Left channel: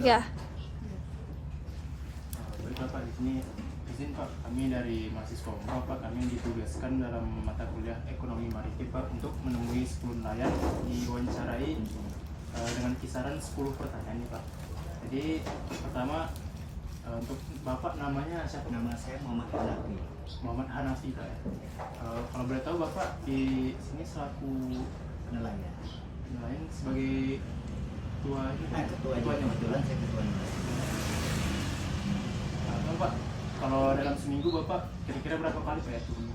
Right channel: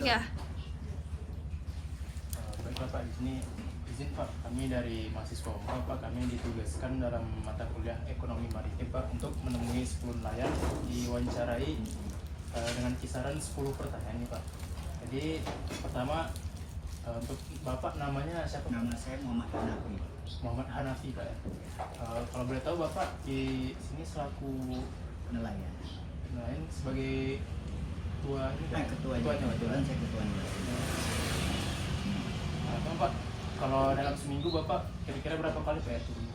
Ya, Baik Bapak, di sini izin Pak, kami dari mahasiswa umroh Pak, kami ditugaskan dalam mata kuliah ekonomi maritim Pak untuk menemui 10 nelayan diwawancarai dengan kisaran 10 pertanyaan nih Pak. Jadi pertama untuk Bapak namanya siapa? Nama saya Muhammad Hanafi. Muhammad Hanafi Pak ya. Kalau boleh tahu Bapak di sini selaku Nelayan. nelayan sebagai ketua ini Pak? Ketuanya, kebetulan saya ketua nelayan. Pak, kalau dalam seminggu Bapak kira-kira berapa kali Pak ya turun?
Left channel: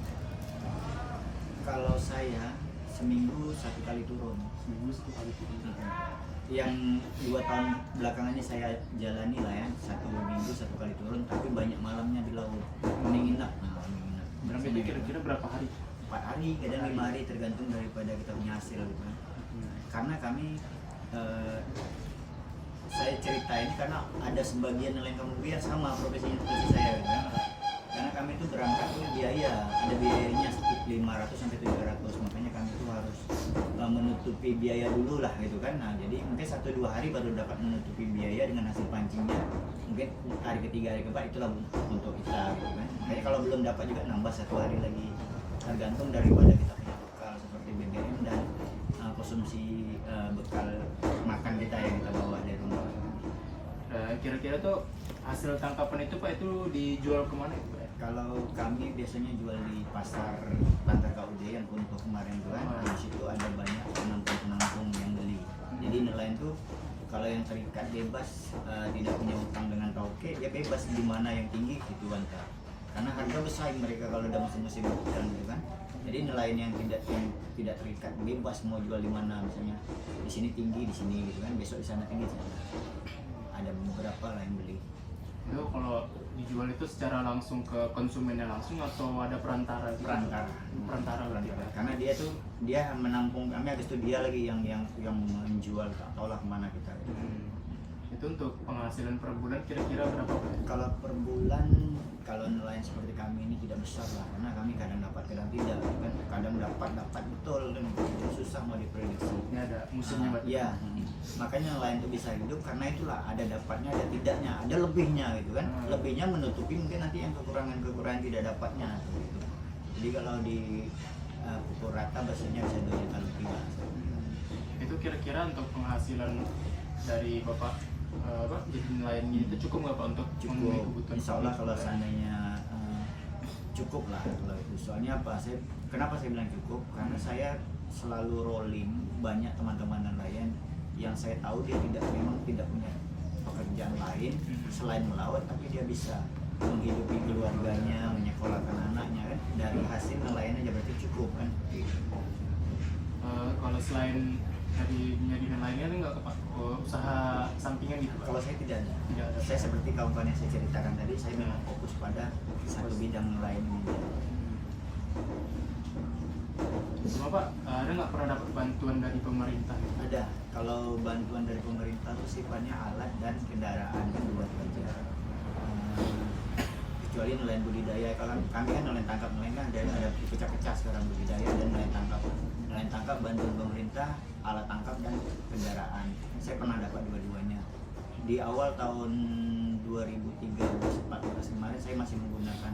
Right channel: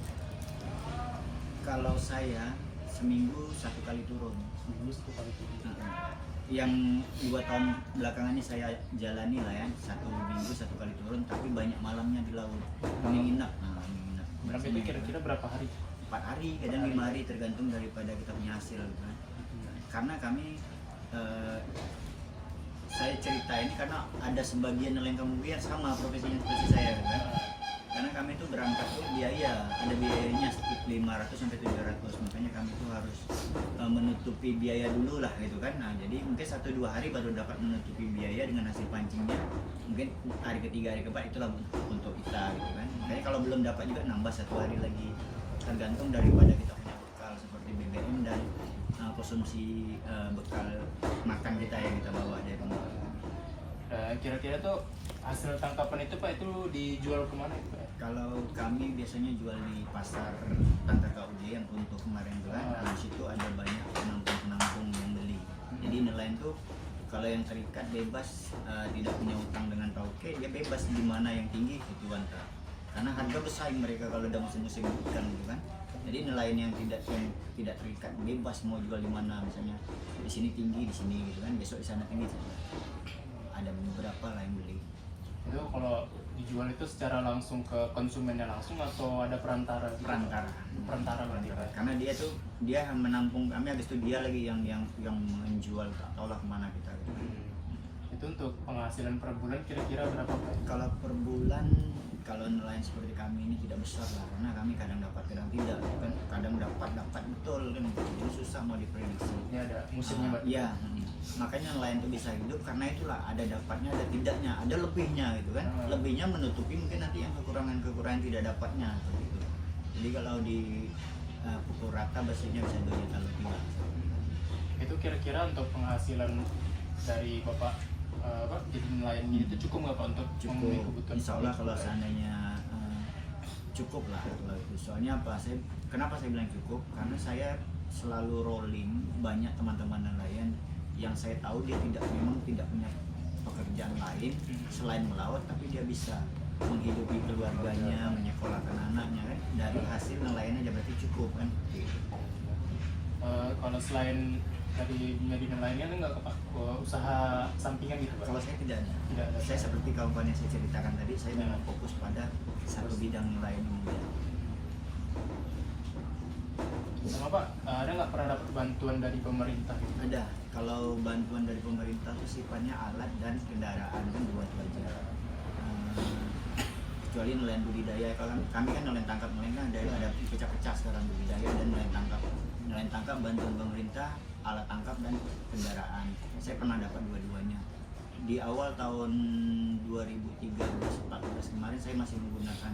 Kalau saya seminggu 1 kali turun. Seminggu 1 kali turun. Yang 2 tahun belakangannya saya jalani lah ya, 1 minggu 1 kali turun, tapi banyak malamnya di laut. Menginap. Berapa itu kira-kira berapa hari? 4 hari, kadang 5 hari tergantung daripada kita punya hasil gitu kan. Karena kami saya cerita ini karena ada sebagian nelayan kampung biak sama profesinya seperti saya gitu kan. Karena kami itu berangkat tuh biaya, ada biayanya sekitar 500 sampai 700, makanya kami itu harus menutupi biaya dulu lah gitu kan. Nah jadi mungkin 1-2 hari baru dapat menutupi biaya dengan hasil pancingnya, mungkin hari ketiga hari keempat itulah untuk kita gitu kan. Makanya kalau belum dapat juga nambah 1 hari lagi, tergantung daripada kita punya bekal seperti BBM dan konsumsi bekal makan kita yang kita bawa dari rumah. Kira-kira tuh hasil tangkapan itu Pak itu dijual kemana itu Pak? Kalau kami biasanya jual di pasar Bantar KUD yang untuk kemarin itu kan, di situ ada banyak penampung-penampung yang beli. Jadi nelayan tuh kalau yang terikat bebas, tidak punya utang dengan tauke, dia bebas di mana yang tinggi itu Bantar. Karena harga bersaing mereka kalau udah musim-musim ikan gitu kan. Jadi nelayan yang tidak terikat bebas mau jual di mana, misalnya di sini tinggi, di sini gitu kan, besok di sana tinggi. Ada beberapa lah yang beli. Itu kalau dijual itu secara langsung ke konsumennya langsung atau ada perantara? Perantara. Karena dia menampung, kami habis itu dia lagi yang menjual, tak tahulah kemana kita. Itu untuk penghasilan per bulan kira-kira berapa Pak? Kalau per bulan, kalau nelayan seperti kami ini tidak besar lah, karena kami kadang dapat kadang tidak kan, kadang dapat betul kan, itu susah mau diprediksi. Ini ada musimnya Pak? Iya, makanya nelayan itu bisa hidup karena itulah ada dapatnya ada tidaknya, ada lebihnya gitu kan. Lebihnya menutupi mungkin nanti yang kekurangan tidak dapatnya gitu. Jadi kalau di pukul rata bersihnya bisa 2 juta lebih lah. Itu kira-kira untuk penghasilan dari Bapak jadi nelayan ini itu cukup nggak Pak untuk memenuhi kebutuhan? Insya Allah kalau seandainya cukup lah kalau itu. Soalnya apa? Kenapa saya bilang cukup? Karena saya selalu rolling banyak teman-teman nelayan yang saya tahu dia memang tidak punya pekerjaan lain selain melaut, tapi dia bisa menghidupi keluarganya, menyekolahkan anaknya kan, dari hasil nelayan aja berarti cukup kan gitu. Kalau selain dari menjadi nelayan nggak ke Pak usaha sampingan gitu Pak? Kalau saya tidak ada. Tidak ada. Saya seperti kawan-kawan yang saya ceritakan tadi, saya memang fokus pada satu bidang nelayan ini. Sama Pak, ada nggak pernah dapat bantuan dari pemerintah? Ada. Kalau bantuan dari pemerintah itu sifatnya alat dan kendaraan kan buat aja. Kecuali nelayan budidaya. Kalau kami kan nelayan tangkap, nelayan kan ada pecah-pecah sekarang budidaya dan nelayan tangkap. Nelayan tangkap bantuan pemerintah, alat tangkap dan kendaraan. Saya pernah dapat dua-duanya. Di awal tahun 2013-14 kemarin saya masih menggunakan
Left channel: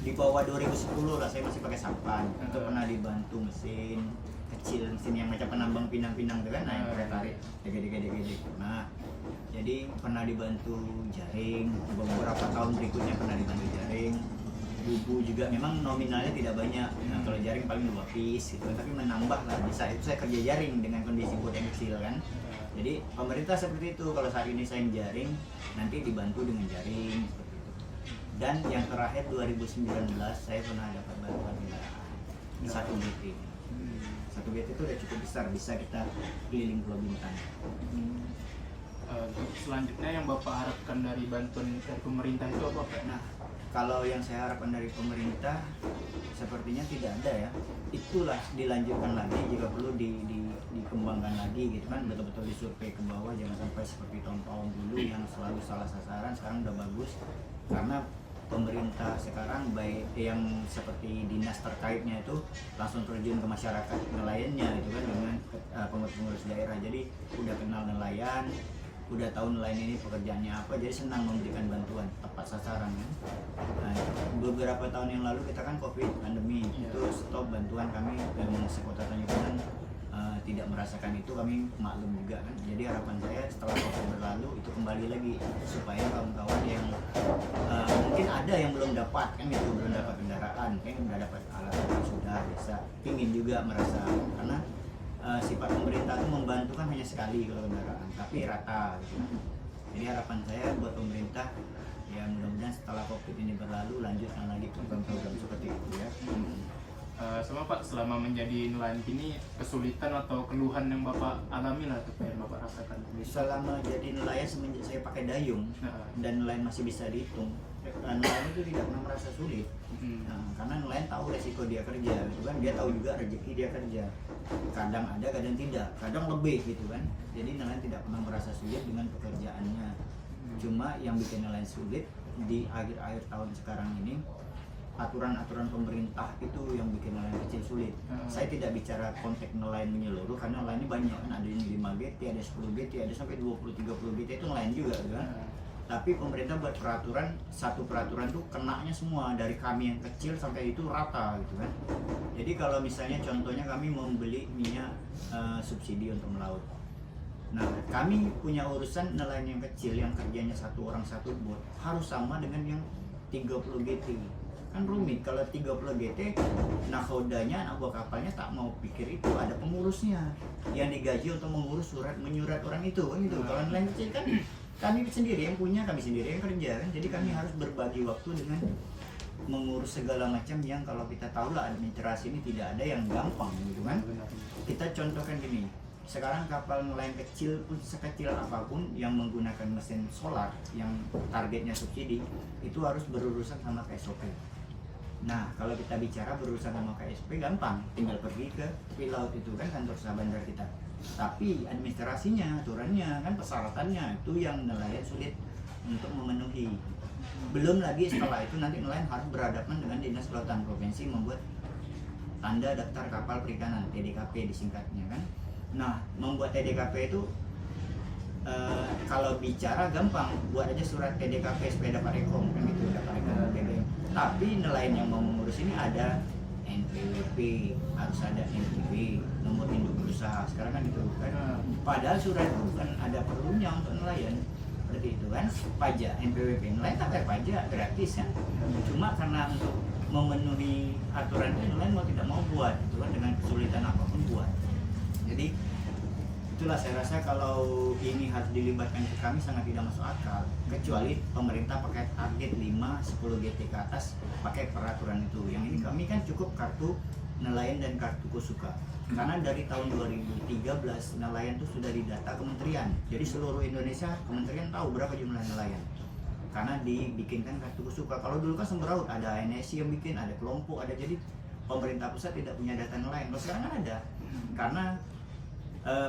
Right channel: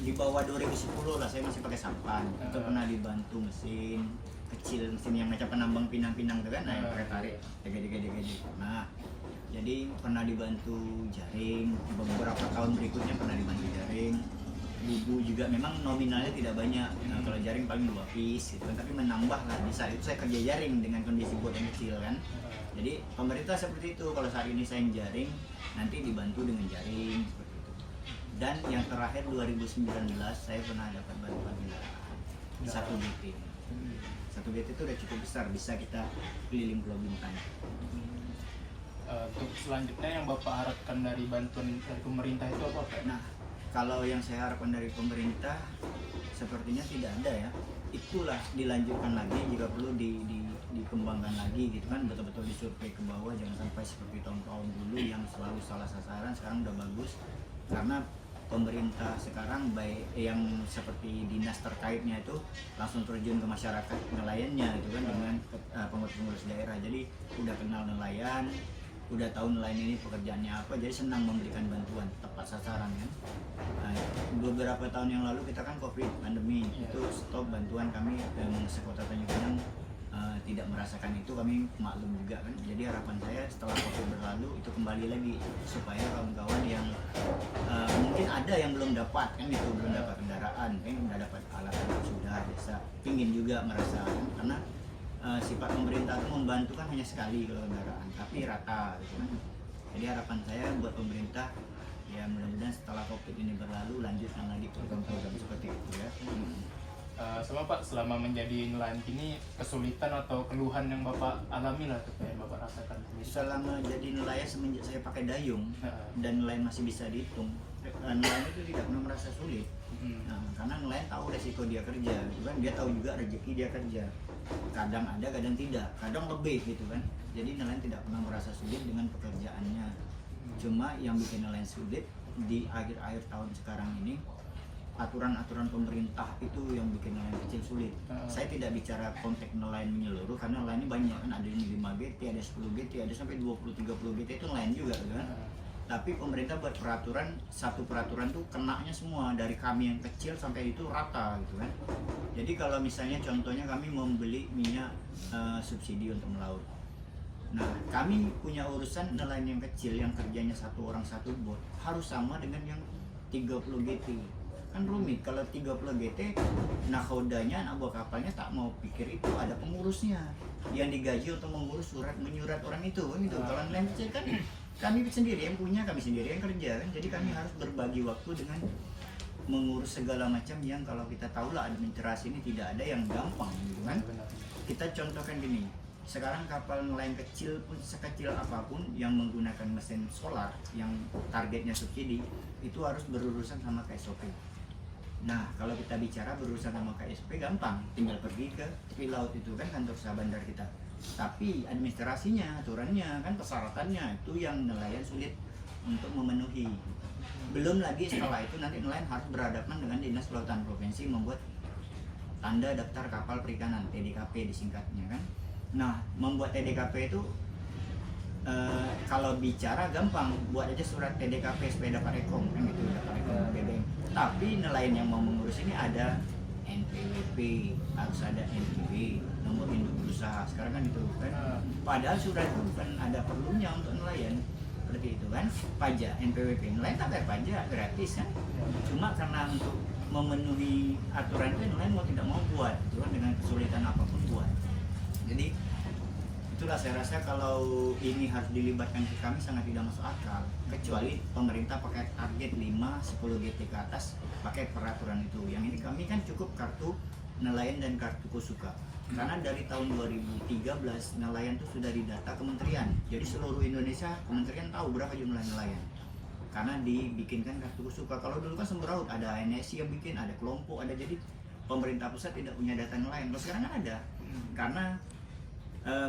di bawah 2010 lah, saya masih pakai sampan. Itu pernah dibantu mesin kecil, mesin yang macam penambang pinang-pinang itu kan, yang pakai tarik dege-dege. Nah, jadi pernah dibantu jaring. Beberapa tahun berikutnya pernah dibantu jaring. Bubu juga memang nominalnya tidak banyak. Nah, kalau jaring paling 2 piece gitu kan, tapi menambah lah. Di saat itu saya kerja jaring dengan kondisi bot yang kecil kan. Jadi pemerintah seperti itu, kalau saat ini saya jaring, nanti dibantu dengan jaring seperti itu. Dan yang terakhir 2019 saya pernah dapat bantuan kendaraan 1 BP. 1 BP itu udah cukup besar, bisa kita keliling Pulau Bintang. Untuk selanjutnya yang Bapak harapkan dari bantuan dari pemerintah itu apa Pak? Nah, kalau yang saya harapkan dari pemerintah sepertinya tidak ada ya. Itulah dilanjutkan lagi, jika perlu dikembangkan lagi gitu kan, betul-betul disurvei ke bawah, jangan sampai seperti tahun-tahun dulu yang selalu salah sasaran. Sekarang udah bagus karena pemerintah sekarang baik yang seperti dinas terkaitnya itu langsung terjun ke masyarakat nelayannya gitu kan, dengan pengurus-pengurus daerah. Jadi udah kenal nelayan, udah tahu nelayan ini pekerjaannya apa, jadi senang memberikan bantuan tepat sasaran kan. Nah, beberapa tahun yang lalu kita kan COVID pandemi, itu stop bantuan kami yang sekota Tanjung Pinang tidak merasakan itu, kami maklum juga kan. Jadi harapan saya setelah COVID berlalu itu kembali lagi supaya kawan-kawan yang mungkin ada yang belum dapat kan gitu, belum dapat kendaraan, pengen udah dapat alat yang sudah bisa, pingin juga merasakan karena sifat pemerintah itu membantu kan hanya sekali kalau kendaraan, tapi rata gitu kan. Jadi harapan saya buat pemerintah ya mudah-mudahan setelah COVID ini berlalu lanjutkan lagi program-program seperti itu ya. Sama Pak, selama menjadi nelayan kini kesulitan atau keluhan yang Bapak alami lah yang Bapak rasakan? Selama jadi nelayan semenjak saya pakai dayung dan nelayan masih bisa dihitung, nelayan itu tidak pernah merasa sulit. Nah, karena nelayan tahu resiko dia kerja, gitu kan? Dia tahu juga rezeki dia kerja. Kadang ada, kadang tidak, kadang lebih gitu kan. Jadi nelayan tidak pernah merasa sulit dengan pekerjaannya. Cuma yang bikin nelayan sulit di akhir-akhir tahun sekarang ini, aturan-aturan pemerintah itu yang bikin nelayan kecil sulit. Saya tidak bicara konteks nelayan menyeluruh karena nelayan ini banyak kan, ada yang 5 GT, ada 10 GT, ada sampai 20-30 GT, itu nelayan juga gitu kan. Tapi pemerintah buat peraturan, satu peraturan tuh kenanya semua dari kami yang kecil sampai itu rata gitu kan. Jadi kalau misalnya contohnya kami membeli minyak subsidi untuk melaut. Nah, kami punya urusan nelayan yang kecil yang kerjanya satu orang satu bot harus sama dengan yang 30 GT. Kan rumit kalau 30 GT, nakodanya anak buah kapalnya tak mau pikir itu, ada pengurusnya yang digaji untuk mengurus menyurat orang itu kan gitu. Kalau nelayan kecil kan kami sendiri yang punya, kami sendiri yang kerja kan, jadi kami harus berbagi waktu dengan mengurus segala macam yang kalau kita tahu lah administrasi ini tidak ada yang gampang gitu kan. Kita contohkan gini, sekarang kapal nelayan kecil pun sekecil apapun yang menggunakan mesin solar yang targetnya subsidi itu harus berurusan sama KSOP. Nah, kalau kita bicara berurusan sama KSP gampang, tinggal pergi ke tepi laut itu kan kantor usaha bandar kita. Tapi administrasinya, aturannya, kan persyaratannya itu yang nelayan sulit untuk memenuhi. Belum lagi setelah itu nanti nelayan harus berhadapan dengan Dinas Kelautan Provinsi membuat tanda daftar kapal perikanan, TDKP disingkatnya kan. Nah, membuat TDKP itu kalau bicara gampang, buat aja surat TDKP supaya dapat rekom kan gitu, dapat rekom BBM. Tapi nelayan yang mau mengurus ini ada NPWP, harus ada NPW, nomor induk berusaha, sekarang kan gitu kan. Padahal surat itu bukan ada perlunya untuk nelayan seperti itu kan. Pajak NPWP, nelayan tak bayar pajak, gratis kan. Cuma karena untuk memenuhi aturan itu nelayan mau tidak mau buat itu kan, dengan kesulitan apapun buat. Jadi itulah saya rasa kalau ini harus dilibatkan ke kami sangat tidak masuk akal, kecuali pemerintah pakai target 5-10 GT ke atas pakai peraturan itu. Yang ini kami kan cukup kartu nelayan dan kartu kusuka, karena dari tahun 2013 nelayan itu sudah didata kementerian, jadi seluruh Indonesia kementerian tahu berapa jumlah nelayan karena dibikinkan kartu kusuka. Kalau dulu kan sembraut, ada NSI yang bikin, ada kelompok, ada, jadi pemerintah pusat tidak punya data nelayan. Kalau sekarang kan ada, karena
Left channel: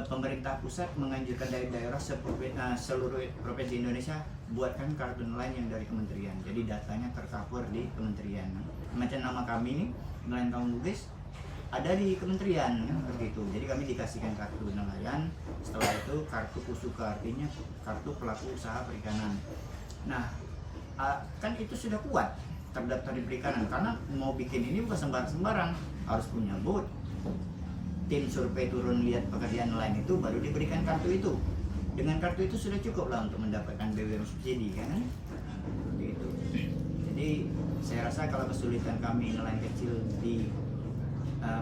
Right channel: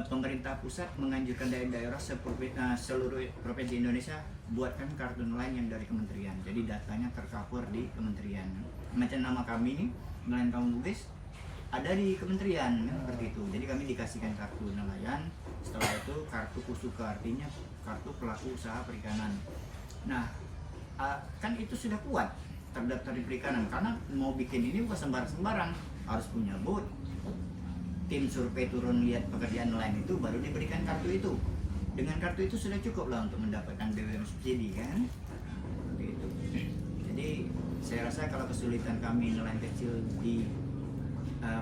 pemerintah pusat menganjurkan daerah-daerah seluruh provinsi Indonesia buatkan kartu nelayan yang dari kementerian, jadi datanya tercover di kementerian. Macam nama kami ini nelayan Kampung Bugis ada di kementerian seperti itu, jadi kami dikasihkan kartu nelayan, setelah itu kartu kusuka, artinya kartu pelaku usaha perikanan. Nah, kan itu sudah kuat terdaftar di perikanan, karena mau bikin ini bukan sembarang-sembarang, harus punya bot, tim survei turun lihat pekerjaan nelayan itu baru diberikan kartu itu. Dengan kartu itu sudah cukup lah untuk mendapatkan BBM subsidi kan. Nah, seperti itu. Jadi saya rasa kalau kesulitan kami nelayan kecil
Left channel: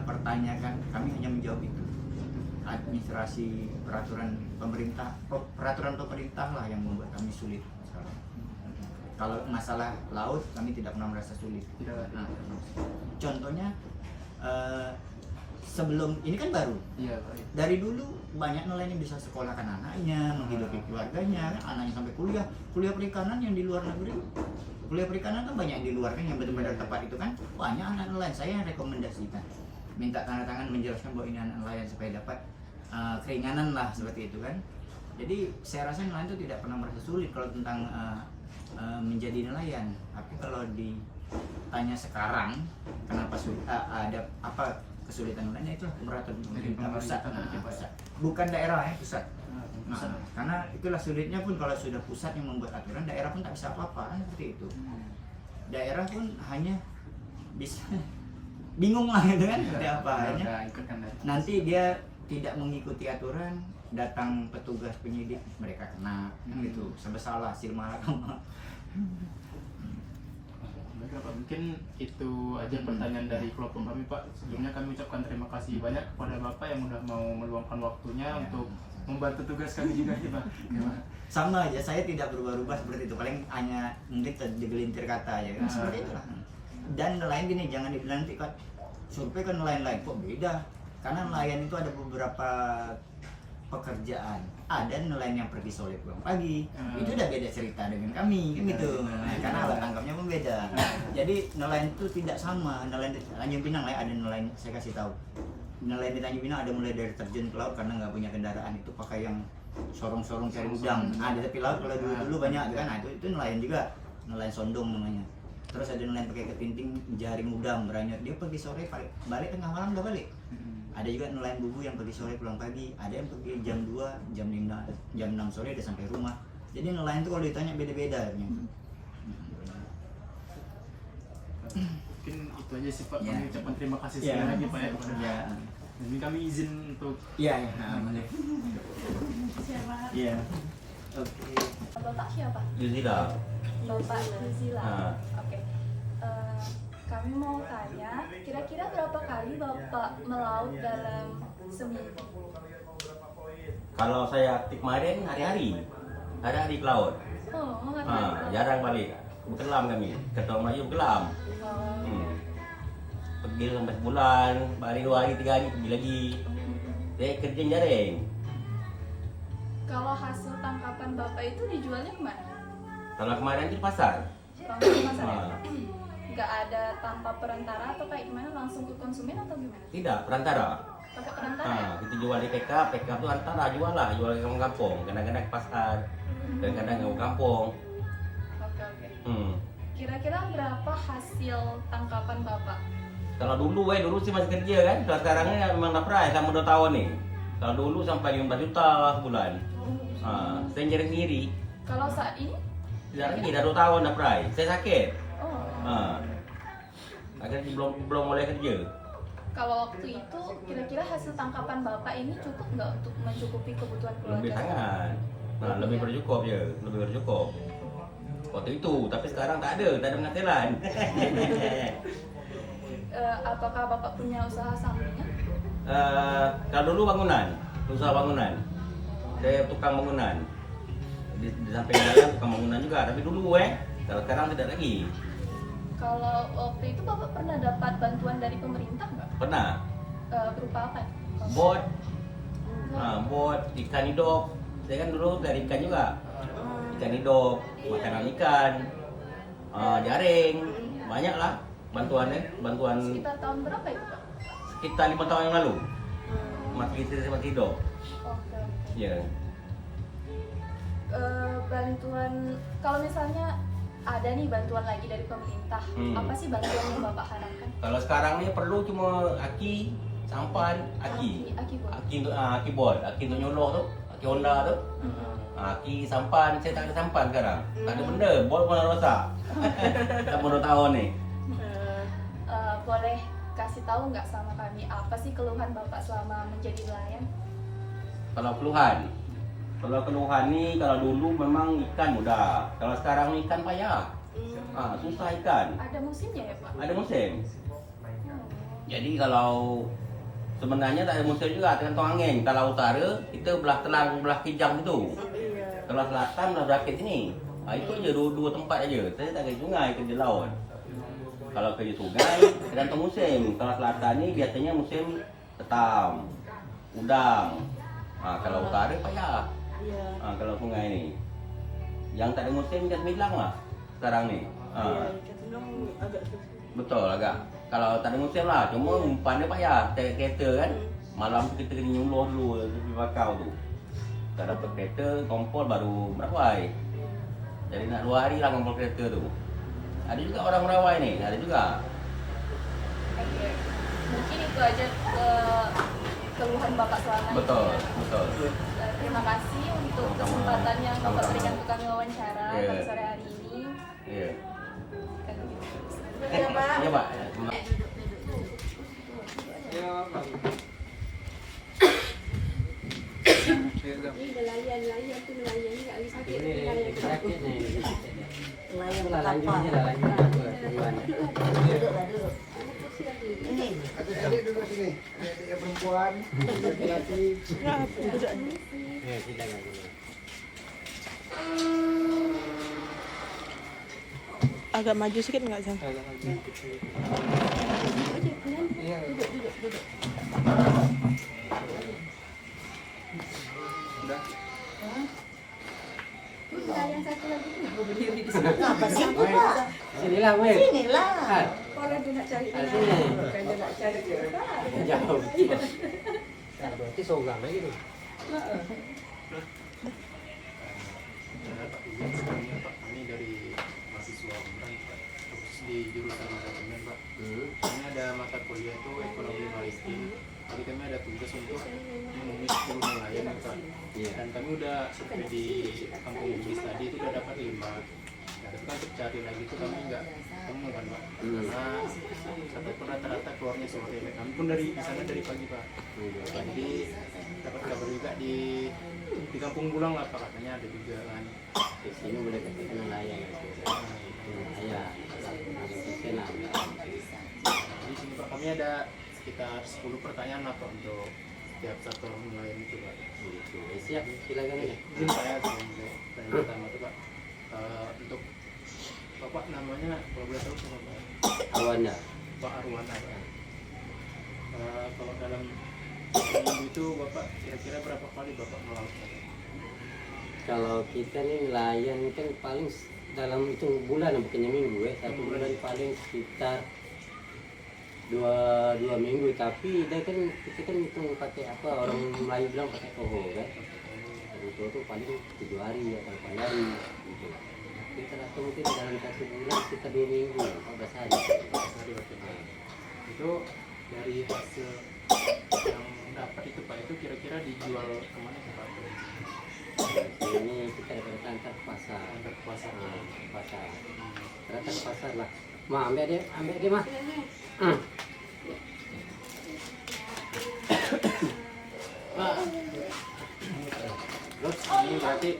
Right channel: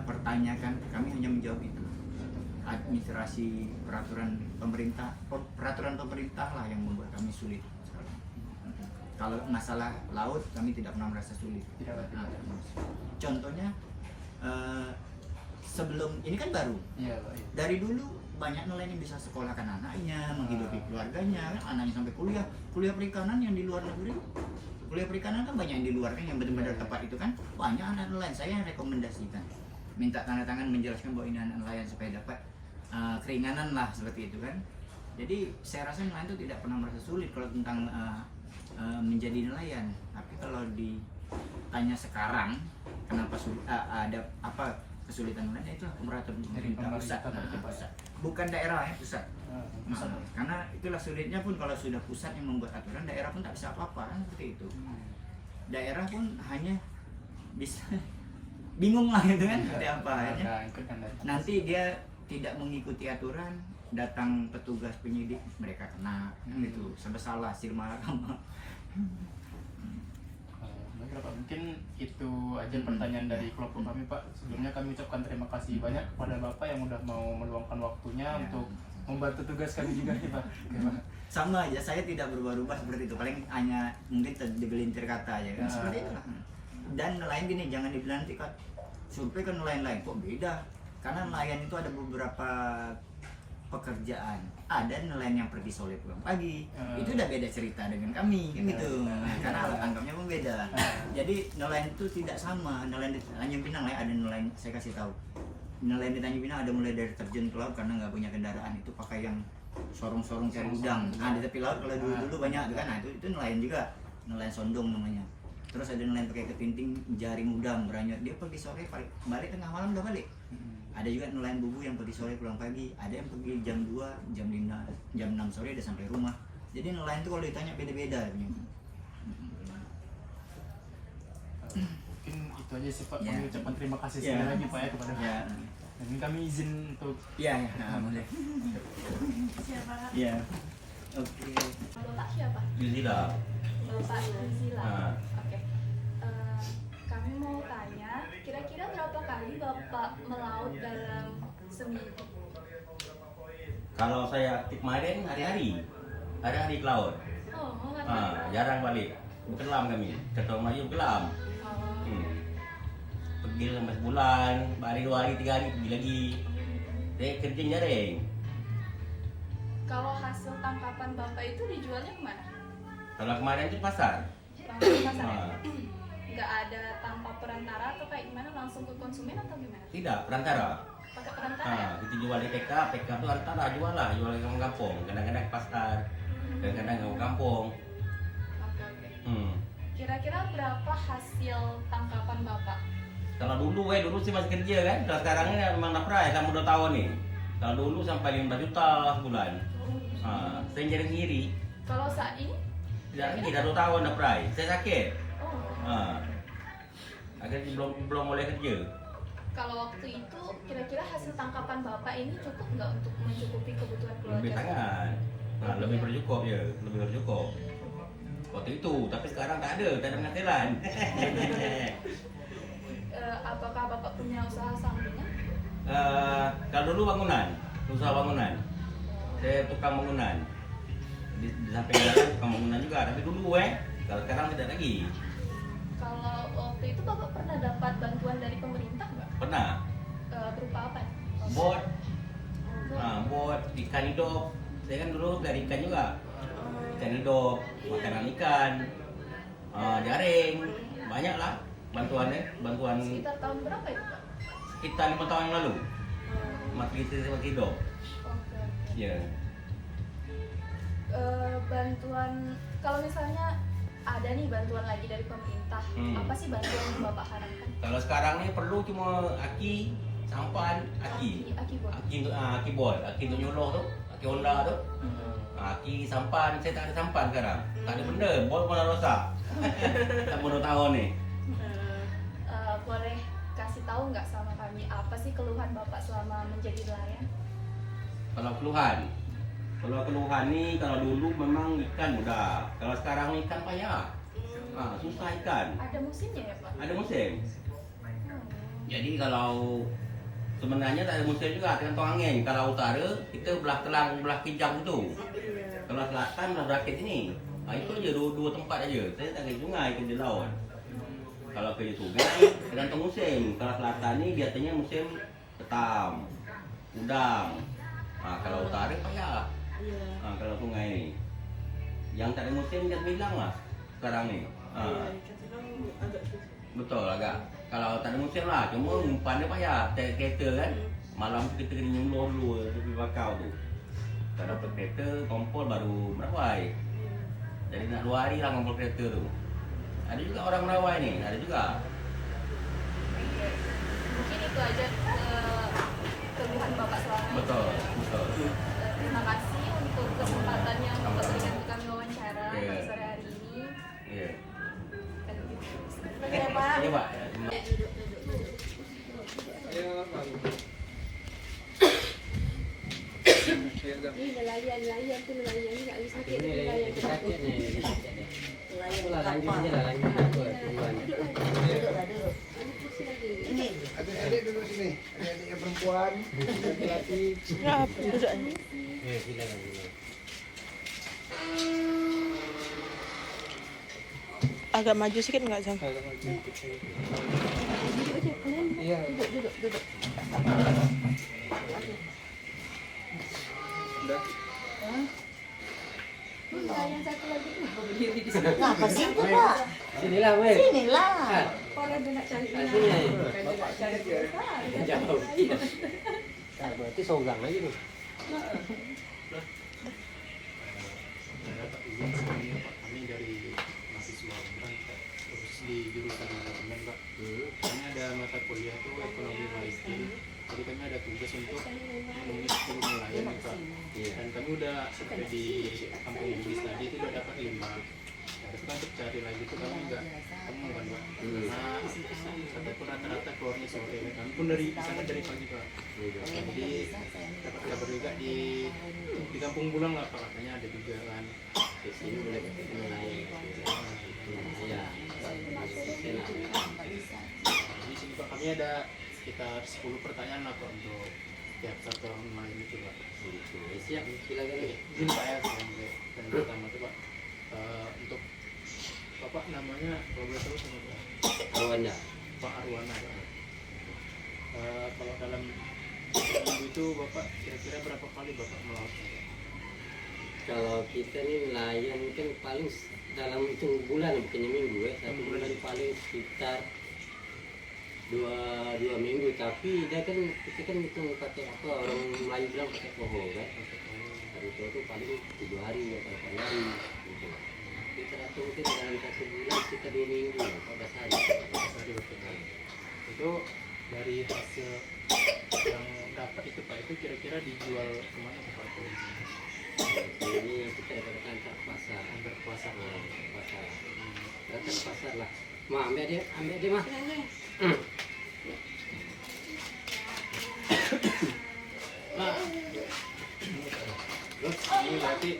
pertanyakan, kami hanya menjawab itu. Administrasi peraturan pemerintah lah yang membuat kami sulit sekarang. Kalau masalah laut kami tidak pernah merasa sulit. Nah, contohnya sebelum ini kan baru. Dari dulu banyak nelayan yang bisa sekolahkan anaknya, menghidupi keluarganya, kan anaknya sampai kuliah perikanan yang di luar negeri. Kuliah perikanan kan banyak yang di luar kan, yang benar-benar tepat itu kan banyak anak nelayan. Saya rekomendasikan minta tanda tangan menjelaskan bahwa ini anak nelayan supaya dapat keringanan lah seperti itu kan. Jadi saya rasa nelayan itu tidak pernah merasa sulit kalau tentang menjadi nelayan. Tapi kalau ditanya sekarang kenapa ada apa kesulitan lainnya itu pemerintah pusat, pemerintah pusat, bukan daerah pusat. Pusat. Karena itulah sulitnya pun kalau sudah pusat yang membuat aturan, daerah pun tak bisa apa-apa seperti itu. Daerah pun hanya bisa bingung lah gitu kan, seperti apa hanya. Nanti dia tidak mengikuti aturan, datang petugas penyidik mereka kena kan gitu, sampai salah hasil mahkamah. Baiklah Pak, mungkin itu aja pertanyaan dari kelompok kami Pak. Sebelumnya kami ucapkan terima kasih banyak kepada Bapak yang udah mau meluangkan waktunya untuk membantu tugas kami juga nih Pak. Sama aja, saya tidak berubah-ubah seperti itu, paling hanya mungkin tergelintir kata aja kan, seperti itu lah. Dan nelayan gini, jangan dibilang nanti kan survei kan nelayan-nelayan kok beda, karena nelayan itu ada beberapa pekerjaan, ada nelayan yang pergi sore pulang pagi, itu udah beda cerita dengan kami kan gitu. Karena alat tangkapnya pun beda. Jadi nelayan itu tidak sama. Nelayan di Tanjung Pinang ada nelayan, saya kasih tahu, nelayan di Tanjung Pinang ada mulai dari terjun ke laut karena nggak punya kendaraan, itu pakai yang sorong-sorong cari udang. Nah di tepi laut kalau dulu banyak kan, nah itu nelayan juga, nelayan sondong namanya. Terus ada nelayan pakai ketinting jaring udang beranyot, dia pergi sore balik tengah malam udah balik. Ada juga nelayan bubu yang pergi sore pulang pagi, ada yang pergi jam 2, jam 5, jam 6 sore udah sampai rumah. Jadi nelayan itu kalau ditanya beda-beda. Mungkin itu aja sih Pak, kami ucapkan terima kasih sekali lagi Pak ya kepada Ini kami izin untuk boleh. Iya. Oke. Bapak siapa? Yuzila. Bapak Yuzila. Nah. Oke. Kami mau tanya, kira-kira berapa kali Bapak melaut dalam seminggu? Kalau saya aktif kemarin hari-hari ke laut. Oh, Jarang balik. Kelam kami, ketua Melayu kelam. Pergi sampai sebulan, balik 2 hari 3 hari pergi lagi. Saya kerja jaring. Kalau hasil tangkapan Bapak itu dijualnya kemana? Kalau kemarin itu pasar. Langsung ke pasar ya? Nggak ada tanpa perantara atau kayak gimana, langsung ke konsumen atau gimana? Tidak, perantara. Pakai perantara? Kita jual di PK itu antara jual ke kampung. Kadang-kadang ke pasar, kadang-kadang ke kampung. Oke. Kira-kira berapa hasil tangkapan Bapak? Kalau dulu sih masih kerja kan. Kalau sekarang ini memang nafrai sama 2 tahun nih. Kalau dulu sampai 15 juta sebulan. Saya jadi sendiri. Kalau saat ini? Ya ini dah 2 tahun nafrai. Saya sakit. Oh. Akhirnya belum mulai kerja. Kalau waktu itu kira-kira hasil tangkapan Bapak ini cukup nggak untuk mencukupi kebutuhan Lebih keluarga? sangat. Lebih bercukup ya, lebih bercukup. Waktu itu, tapi sekarang tak ada penghasilan. Apakah Bapak punya usaha sampingan? Kalau dulu usaha bangunan. Saya tukang bangunan. Di samping jalan tukang bangunan juga, tapi dulu kalau sekarang tidak lagi. Kalau waktu itu Bapak pernah dapat bantuan dari pemerintah nggak? Pernah. Berupa apa? Bot, ikan hidup. Saya kan dulu dari ikan juga. Ikan hidup, makanan ikan, jaring, banyak lah bantuan. Sekitar tahun berapa itu Pak? Sekitar 5 tahun yang lalu. Makin hidup. Oke. Ya. Bantuan, kalau misalnya ada nih bantuan lagi dari pemerintah, apa sih bantuan yang Bapak harapkan? Kalau sekarang ini perlu cuma aki, sampan, aki bot, aki untuk nyolong tu, aki Honda tu, aki sampan. Saya tak ada sampan sekarang, tak ada benda, bot pun dah rosak. Tak mau 2 tahun ni. Boleh kasih tahu nggak sama kami apa sih keluhan Bapak selama menjadi nelayan? Kalau keluhan ni, kalau dulu memang ikan mudah, kalau sekarang ni ikan payah. Susah ikan. Ada musimnya ya Pak? Ada musim. Jadi kalau sebenarnya tak ada musim juga, tergantung angin. Kalau utara kita belah Kelang, belah Kijang itu. Kalau selatan berakit sini. Itu je dua tempat aja. Saya tak ada sungai kerja laut. Kalau kerja sungai tergantung musim. Kalau selatan ni biasanya musim ketam, udang. Kalau utara payah. Kalau sungai ni. Yang tak ada musim macam bilang lah sekarang ni. Betul agak. Kalau tak ada musim lah, cuma umpan dia payah. Kereta kan, malam tu kita kena nyuluh dulu tepi bakau tu. Tak dapat kereta, kompol baru merawai. Jadi nak 2 hari lah kompol kereta tu. Ada juga orang merawai ni, ada juga. Oke. mungkin itu aja keluhan Bapak selama ini. Betul, Ya. betul. Terima kasih untuk kesempatan yang Bapak berikan ke kami wawancara Iya. pada sore hari ini. Iya. Dan begitu. Iya, Pak. Nelayan tuh nelayan nggak bisa sakit Ini nelayan. lebih sakit nih. Nelayan Itulah lanjutnya apa? dah lanjutnya apa hubungan. Anak kecil lagi. Adik duduk sini, adik yang perempuan, laki-laki. Ya silakan. Agak maju sedikit nggak, Sam? Udah. Nelayan satu lagi. Apa sih? Sinilah weh. Inilah. Orang dia nak cari Sini. nelayan. Kalau dia nak cari kita. Jauh. Berarti songgang aja nih. Ujian sebelumnya Pak, kami dari mahasiswa Umran Pak, khusus di jurusan manajemen Pak. Kami ada mata kuliah itu ekonomi maritim. Jadi kami ada tugas untuk menemui 10 nelayan nih, Pak. Dan kami udah survei di kampung Bugis tadi itu udah dapat 5. Nah, tapi kan untuk cari lagi itu kami nggak temu kan Pak. Karena ataupun rata-rata keluarnya sore. Kami pun dari sana dari pagi Pak. Jadi dapat kabar juga di kampung Bulang lah Pak, katanya ada juga kan. Di sini boleh kita nelayan. Ya. Di sini Pak kami ada sekitar 10 pertanyaan lah Pak untuk setiap satu orang nelayan itu Pak. Siap, silakan. Izin Pak ya, yang pertama tuh Pak. Untuk Bapak namanya kalau boleh tahu sama Pak? Awana. Pak Arwana Pak. Kalau dalam seminggu itu Bapak kira-kira berapa kali Bapak melaut Pak? Kalau kita nih nelayan kan paling dalam hitung bulan bukannya minggu ya. Satu bulan paling sekitar dua minggu, tapi dia kan kita kan hitung pakai apa, orang Melayu bilang pakai koho kan. Itu paling 7 hari atau 8 hari gitu. Kita atau mungkin dalam 1 bulan kita 2 minggu 14 hari. 14 hari Bapak. Itu dari hasil yang dapat itu Pak, itu kira-kira dijual kemana sih Pak? Ini kita dapat antar ke pasar. Antar ke pasar. Ke pasar. Datang ke pasar lah. Ma, ambil dia mah. Terus ini berarti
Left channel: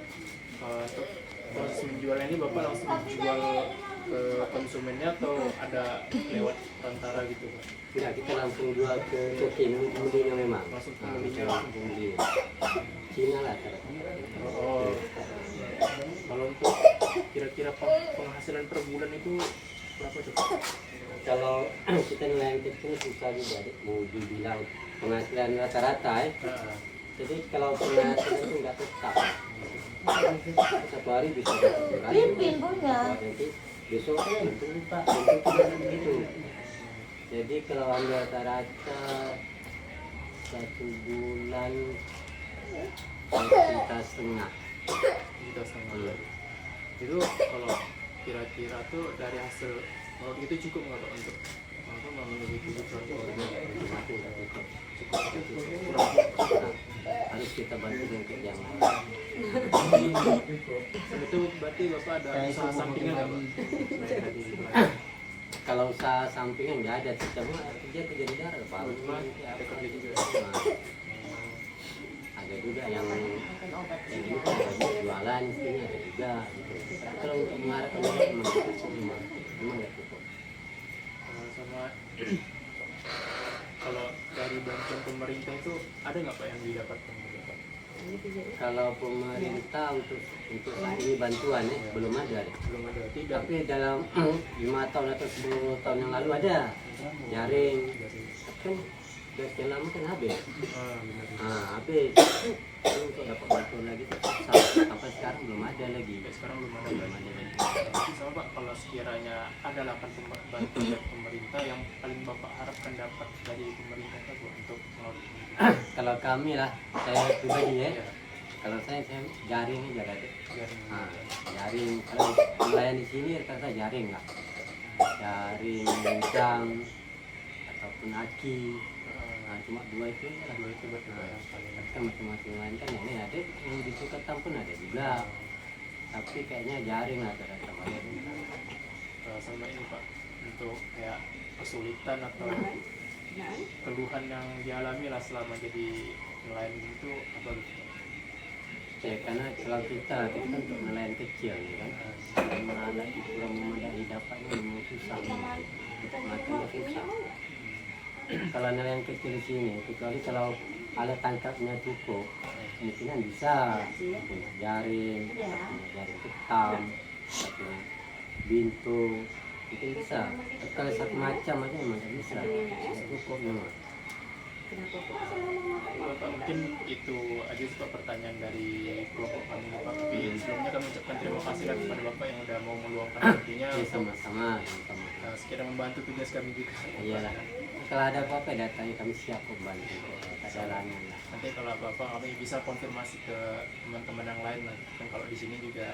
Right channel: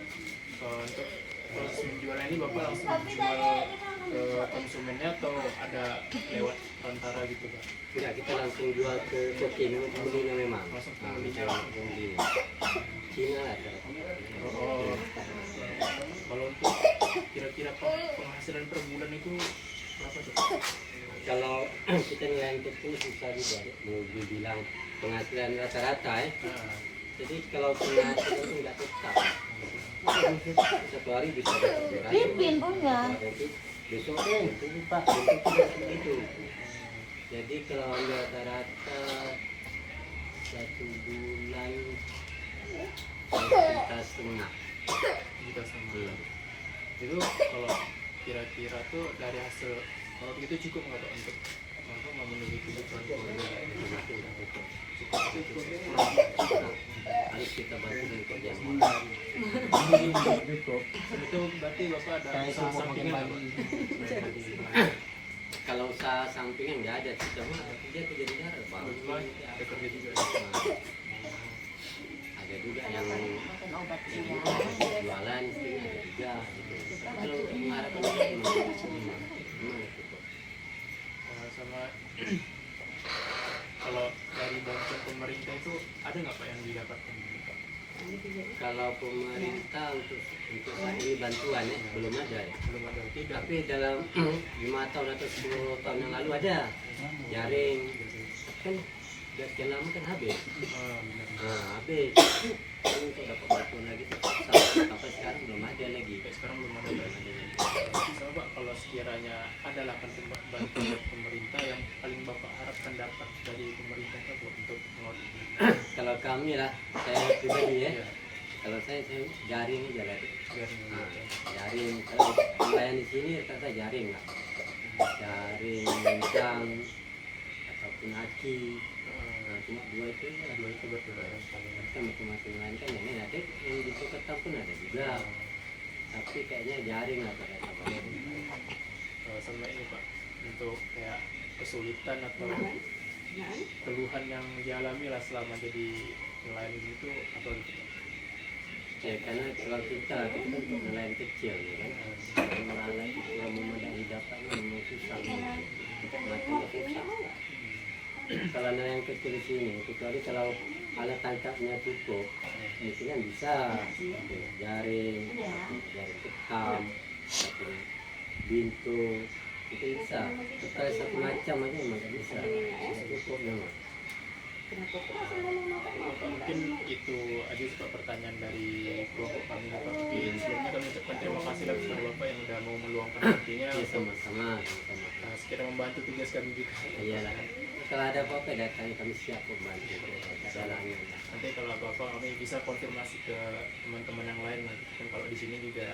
untuk proses menjualnya ini Bapak langsung jual ke konsumennya atau ada lewat perantara gitu Pak? Tidak, kita langsung jual ke pembelinya memang. Langsung Nah, pembelinya. kita langsung pembeli. Cina lah cara. Oh, kalau untuk kira-kira penghasilan per bulan itu berapa tuh Pak? Kalau kita nelayan itu susah juga deh, mau dibilang penghasilan rata-rata ya. Nah, Jadi kalau penghasilan itu nggak tetap. Satu hari bisa dapat Pimpin punya. Jadi besok itu Pak, itu tidak begitu. Jadi kalau ambil rata-rata 1 bulan 1,5 juta. kita sama itu kalau kira-kira tuh dari hasil kalau itu cukup nggak Pak untuk apa memenuhi kebutuhan keluarga? Cukup itu kurang. Harus kita bantu dengan kerjaan. Dan itu berarti Bapak ada usaha sampingan nggak Pak? Selain dari Kalau usaha sampingan nggak ada, semua dia kerja di darat Pak. cuma ada kerja juga ya? Nah, ada juga yang jualan istrinya ada juga gitu. Tapi kalau untuk mengharapkan memang nggak cukup. Sama kalau dari bantuan pemerintah itu ada nggak Pak yang didapatkan gitu Pak? Kalau pemerintah untuk saat ini bantuan ya belum ada deh. Belum ada tidak. Tapi dalam 5 tahun atau 10 tahun yang lalu ada jaring. Kan udah sekian lama kan habis. Benar. Nah habis. Jadi untuk dapat bantuan lagi sampai sekarang belum ada lagi. Sampai sekarang belum ada Pak. Sama Pak, kalau sekiranya ada lah kan bantuan dari pemerintah yang paling Bapak harapkan dapat dari pemerintah itu Bu, untuk melaut. Kalau kami lah, saya pribadi ya. Ya, Kalau saya jaring aja lah. jaring Nah, gitu. jaring kalau nelayan di sini rata-rata jaring lah. Jaring, jam, atau ataupun aki. Nah, cuma dua itu lah. Dua itu berdua paling. Kita masing-masing lain kan ini ada yang di Suketam pun ada juga. Tapi kayaknya jaring lah ternyata. Sama ini Pak, untuk kayak kesulitan atau keluhan yang dialami lah selama jadi nelayan gitu apa gitu. Ya, karena kalau kita untuk nelayan kecil ya kan, nelayan yang memadai dapatnya memang susah, matinya susah. Kalau nelayan kecil di sini, kecuali kalau alat tangkapnya cukup, mungkin bisa jaring, jaring ketam, bintu, itu bisa. Kalau satu macam aja memang nggak bisa, cukup memang. Pak, mungkin itu aja sih Pak pertanyaan dari kelompok kami Pak. Sebelumnya kami ucapkan terima kasih lah kepada Bapak yang udah mau meluangkan waktunya Ya, untuk sama-sama. sekiranya membantu tugas kami juga. Iya, kalau ada apa-apa datang kami siap membantu. Jalannya. Nanti kalau apa-apa kami bisa konfirmasi ke teman-teman yang lain lah. Kan kalau di sini juga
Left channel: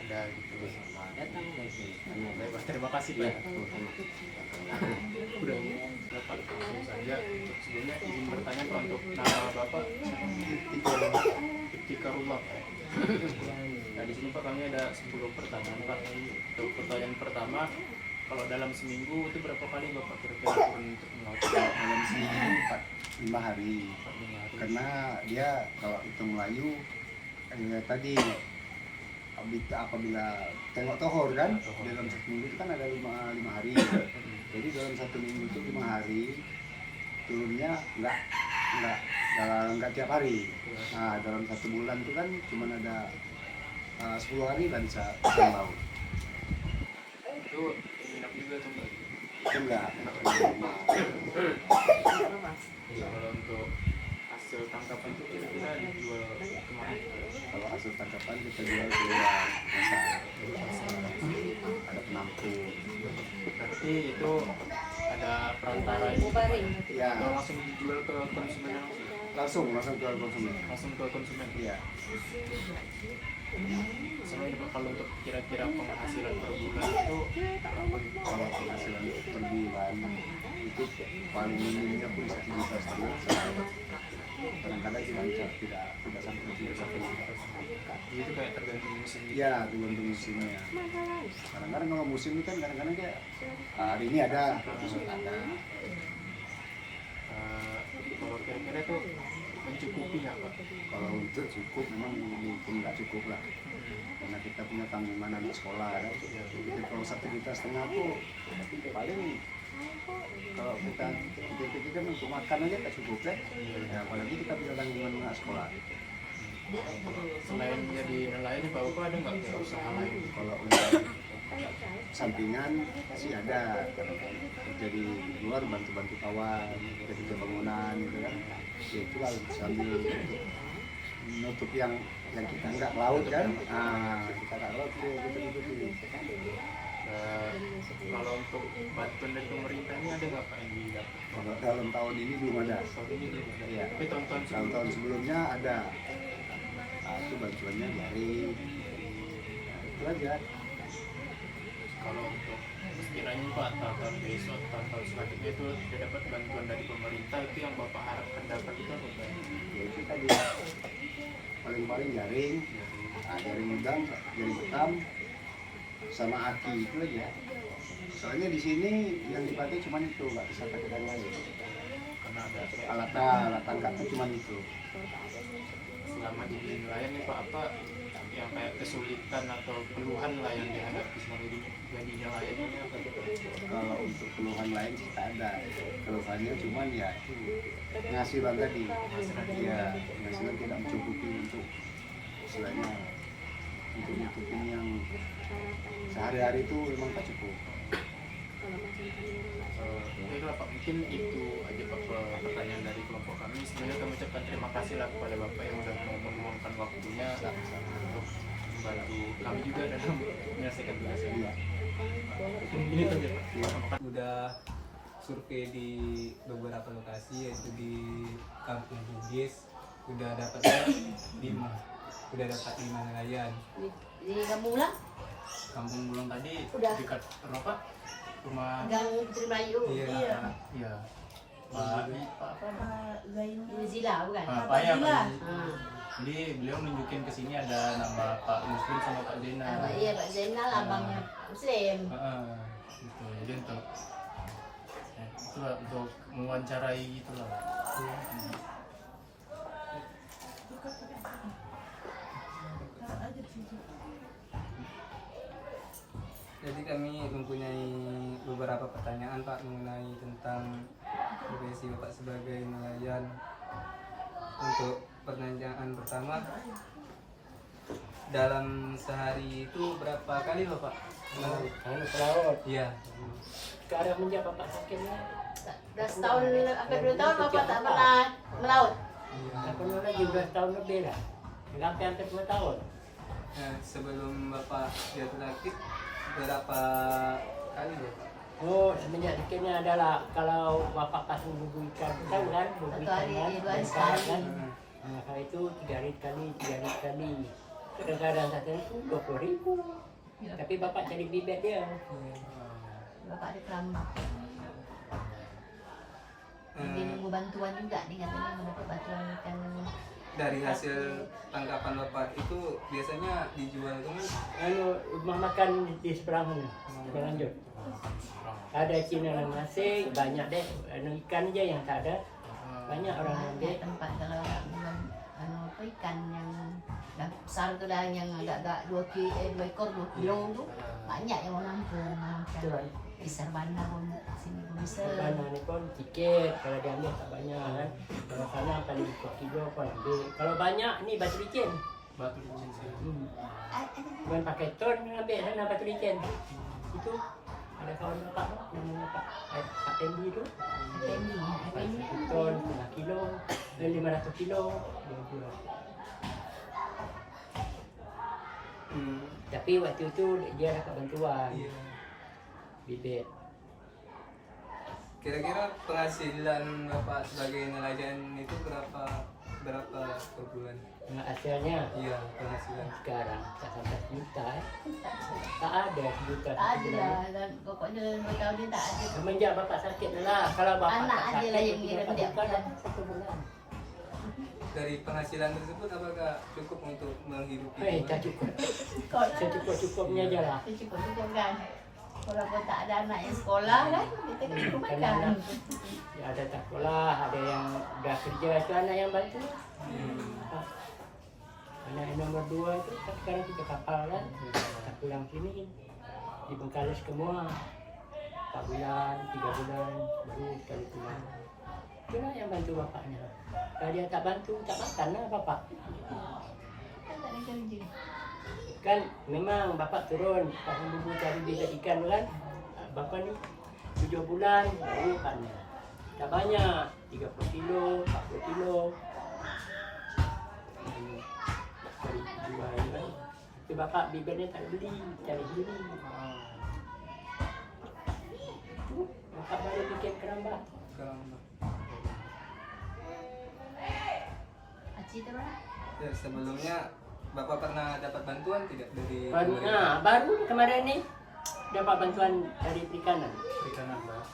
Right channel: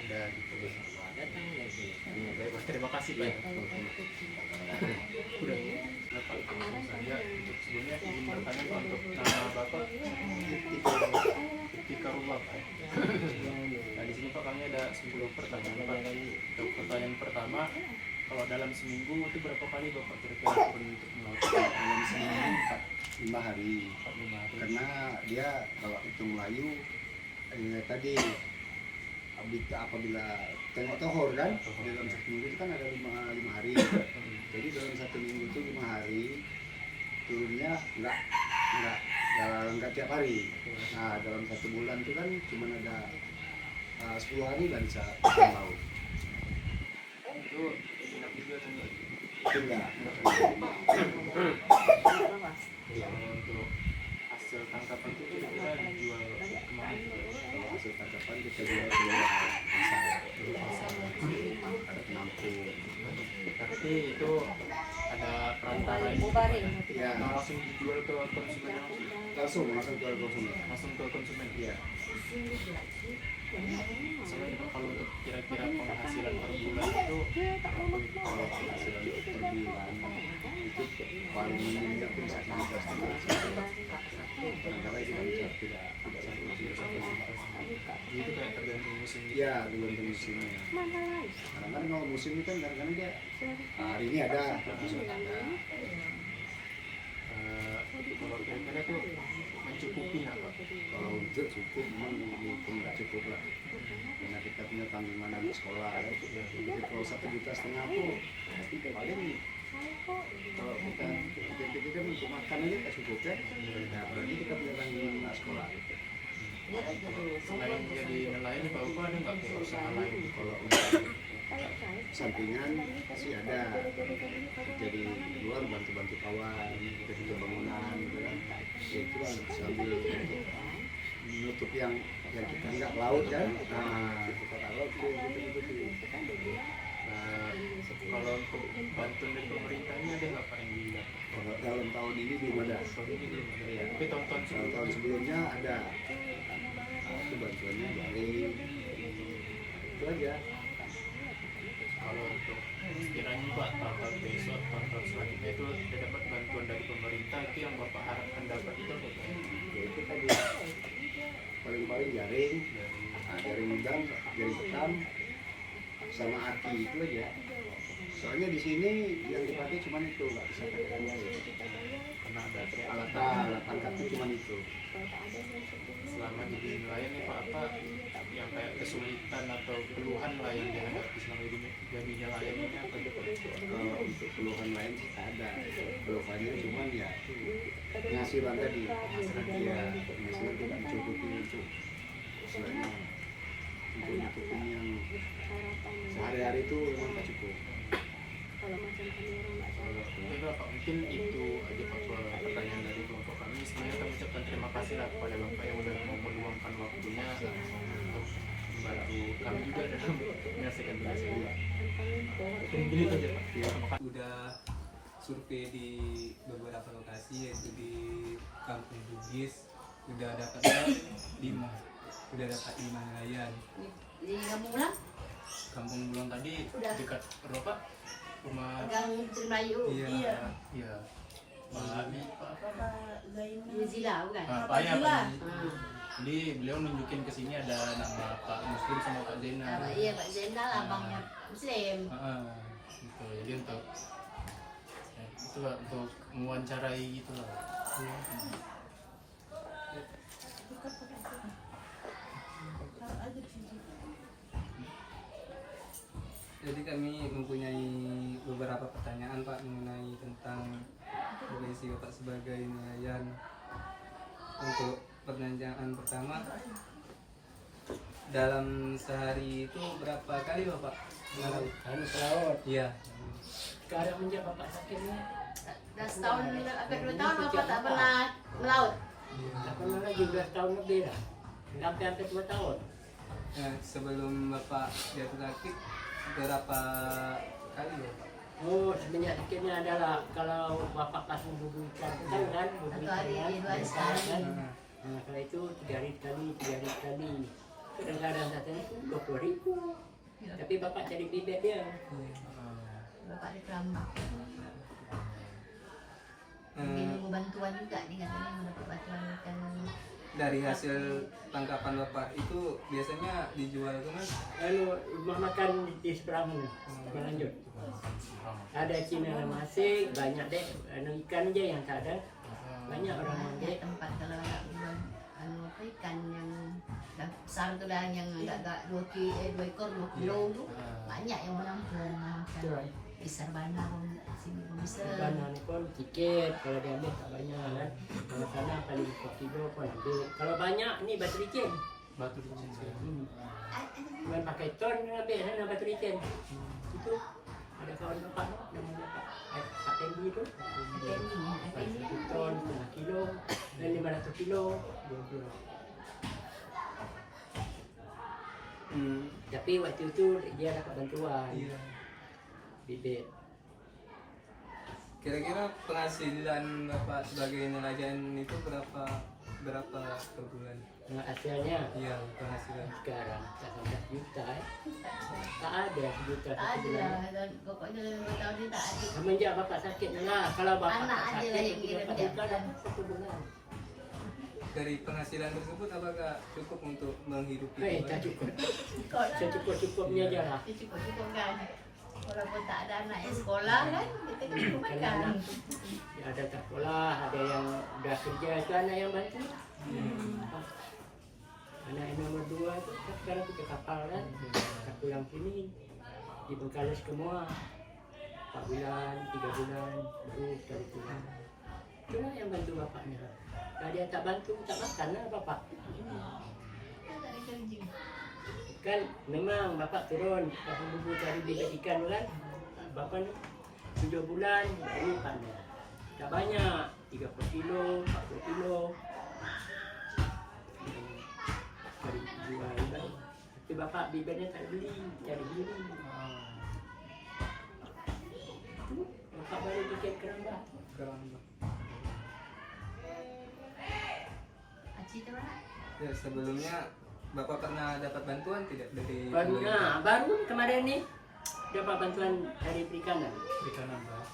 ada gitu. Datang ya sih. Baik Pak, terima kasih Pak. Ya, sama-sama. Udah dapat langsung saja. Untuk sebelumnya izin bertanya Pak untuk nama Bapak Iftikarullah Pak. Nah di sini Pak kami ada 10 pertanyaan Pak. Untuk pertanyaan pertama, kalau dalam seminggu itu berapa kali Bapak kira-kira turun untuk melaut? Dalam seminggu 4-5 hari. 4-5 hari. Karena dia kalau itu Melayu tadi apabila tengok tohor kan, dalam satu minggu itu kan ada 5 hari. Jadi dalam satu minggu itu 5 hari turunnya nggak tiap hari. Nah dalam satu bulan itu kan cuma ada 10 hari lah bisa laut. Itu enak juga tuh Mbak. Itu enggak. Kalau untuk hasil tangkapan itu kira-kira dijual kemana? Kalau hasil tangkapan kita jual ke luar pasar. Ada penampung. Berarti itu ada perantara ini Pak, Ya, atau langsung dijual ke konsumen langsung? langsung jual konsumen. Langsung ke konsumen? Iya. Sama ini Pak, kalau untuk kira-kira penghasilan per bulan itu berapa gitu? Kalau penghasilan per bulan itu paling minimnya pun 1,5 juta. Kadang-kadang tidak sampai sejuta. Jadi itu kayak tergantung musim gitu? Iya, tergantung musimnya. Kadang-kadang kalau musim ini kan kadang-kadang dia hari ini ada, besok ada. Kalau kira-kira itu mencukupi nggak Pak? Kalau untuk cukup memang itu nggak cukup lah. Karena kita punya tanggungan anak sekolah kan. Jadi kalau 1,5 juta tuh paling kalau kita kan untuk makan aja tak cukup kan. Ya, apalagi kita punya tanggungan anak sekolah. Selain jadi nelayan Pak, Bapak ada nggak kayak usaha lain? Kalau untuk sampingan sih ada. Jadi di luar bantu-bantu kawan, jadi bangunan gitu kan. Ya itulah sambil menutup yang kita nggak laut kan. Nah, kita nggak laut kita tutupi. Kalau untuk bantuan dari pemerintah ini ada nggak Pak yang didapat? Kalau dalam tahun ini belum ada. Tahun ini belum ada. Iya. Tapi tahun-tahun sebelumnya Tahun sebelumnya ada. Nah, itu bantuannya jaring. Nah, itu aja. kalau untuk sekiranya Pak tahun besok tahun selanjutnya itu sudah dapat bantuan dari pemerintah, itu yang Bapak harapkan dapat itu apa Pak? Ya itu tadi paling-paling jaring, jaring udang, jaring hitam, sama aki itu aja. Soalnya di sini yang dipakai cuma itu, nggak bisa pakai yang lain. Karena ada Alat tangkapnya cuma itu. selama jadi nelayan nih Pak, apa yang kayak kesulitan atau keluhan lah yang dihadapi selama jadi nelayan ini apa gitu? Kalau untuk keluhan lain sih tak ada. Keluhannya cuma ya itu penghasilan tadi. Ya penghasilan tidak mencukupi untuk istilahnya untuk nyukupin yang sehari-hari itu memang tak cukup. Baiklah Pak, mungkin itu aja Pak pertanyaan dari kelompok kami. Sebenarnya kami ucapkan terima kasih lah kepada Bapak yang udah mau meluangkan waktunya untuk membantu kami juga dalam menyelesaikan tugas ini. Ini saja Pak. Terima kasih. Udah survei di beberapa lokasi, yaitu di Kampung Bugis udah dapat 5 nelayan. Di kampung ulang? Kampung Bulung tadi Udah. dekat apa? Rumah. Gang Melayu. Iya. Iya. Pak apa? Zila bukan? Pak ya, Pak. Jadi beliau nunjukin ke sini ada nama Pak Muslim sama Pak Zainal. Iya Pak Zainal abangnya Muslim. Gitu. Jadi untuk itu lah, untuk mewawancarai gitu lah. Jadi kami mempunyai beberapa pertanyaan Pak mengenai tentang profesi Bapak sebagai nelayan. Untuk pertanyaan pertama, dalam sehari itu berapa kali Bapak melaut? Pelaut. Iya. Cara menjawab Bapak sakitnya. Dah setahun, hampir 2 tahun Bapak tak pernah melaut. Tak pernah lagi 12 tahun lebih lah. Hampir 2 tahun. Nah, sebelum Bapak jatuh sakit berapa kali Bapak? Oh, sebenarnya sakitnya adalah kalau Bapak pasang bubu ikan kan bubu Satu ikan hari, kan, 2 hari besar sekali. kan. Nah, kalau itu 3 hari sekali, 3 hari sekali. Kadang-kadang satu hari pun 20.000. Tapi Bapak cari bibit dia. Bapak ada kerama. Dia nunggu bantuan juga nih katanya mau dapat bantuan ikan. Dari hasil tangkapan Bapak itu biasanya dijual ke mana? Lalu rumah makan di seberang mana? Seberang lanjut. Ada Cina yang masih banyak deh. Ikan aja yang tak ada. Banyak orang Ada ambil. tempat kalau apa ikan yang dah besar tu dah yang agak-agak 2 ekor 2 kilo tu banyak yang orang nampung Betul. besar bandar pun sini pun bisa. Dana ni pun tiket kalau dia ambil tak banyak kan. Kalau sana paling 2 kilo pun ambil. Kalau banyak ni batu licin. Batu licin sih. Yang pakai ton ambil sana batu licin. Itu ada kawan bapak yang Pak Tendi tu. Ini Ton 1 kilo dan 500 kilo. Tapi waktu itu dia dapat bantuan Iya. bibit. Kira-kira penghasilan Bapak sebagai nelayan itu berapa per bulan? Nah, hasilnya Iya, penghasilan. sekarang tak sampai juta tak ada juta tak ada lah dan pokoknya tahun ni tak ada. semenjak bapak sakit lah kalau bapak Anak tak aja lah sakit yang ngira dapat dia. juta dapat 1 bulan. Dari penghasilan tersebut apakah cukup untuk menghidupi Tak cukup secukup-cukupnya aja lah. Cukup kan. Walaupun tak ada anak yang sekolah kan kita kena Kan makan. anak ya, ada tak sekolah, ada yang dah kerja itu anak yang bantu. Anak yang nomor 2 itu kan sekarang kita kapal kan, kita pulang sini di Bengkalis semua 4 bulan, 3 bulan, baru sekali pulang. Cuma yang bantu bapaknya. Kalau dia tak bantu, tak makan lah bapak. Kan tak ada kerja. Kan memang bapak turun pasang bubu cari bibit ikan kan. Bapak ni 7 bulan baru panen. Tak banyak, 30 kilo, 40 kilo. Cari jual kan. Tapi bapak bibitnya tak beli, cari beli. Tu bapak baru bikin keramba. Cita mana? Ya, sebelumnya Bapak pernah dapat bantuan tidak dari pemerintah? Nah, baru kemarin ni dapat bantuan dari perikanan. Perikanan Pak.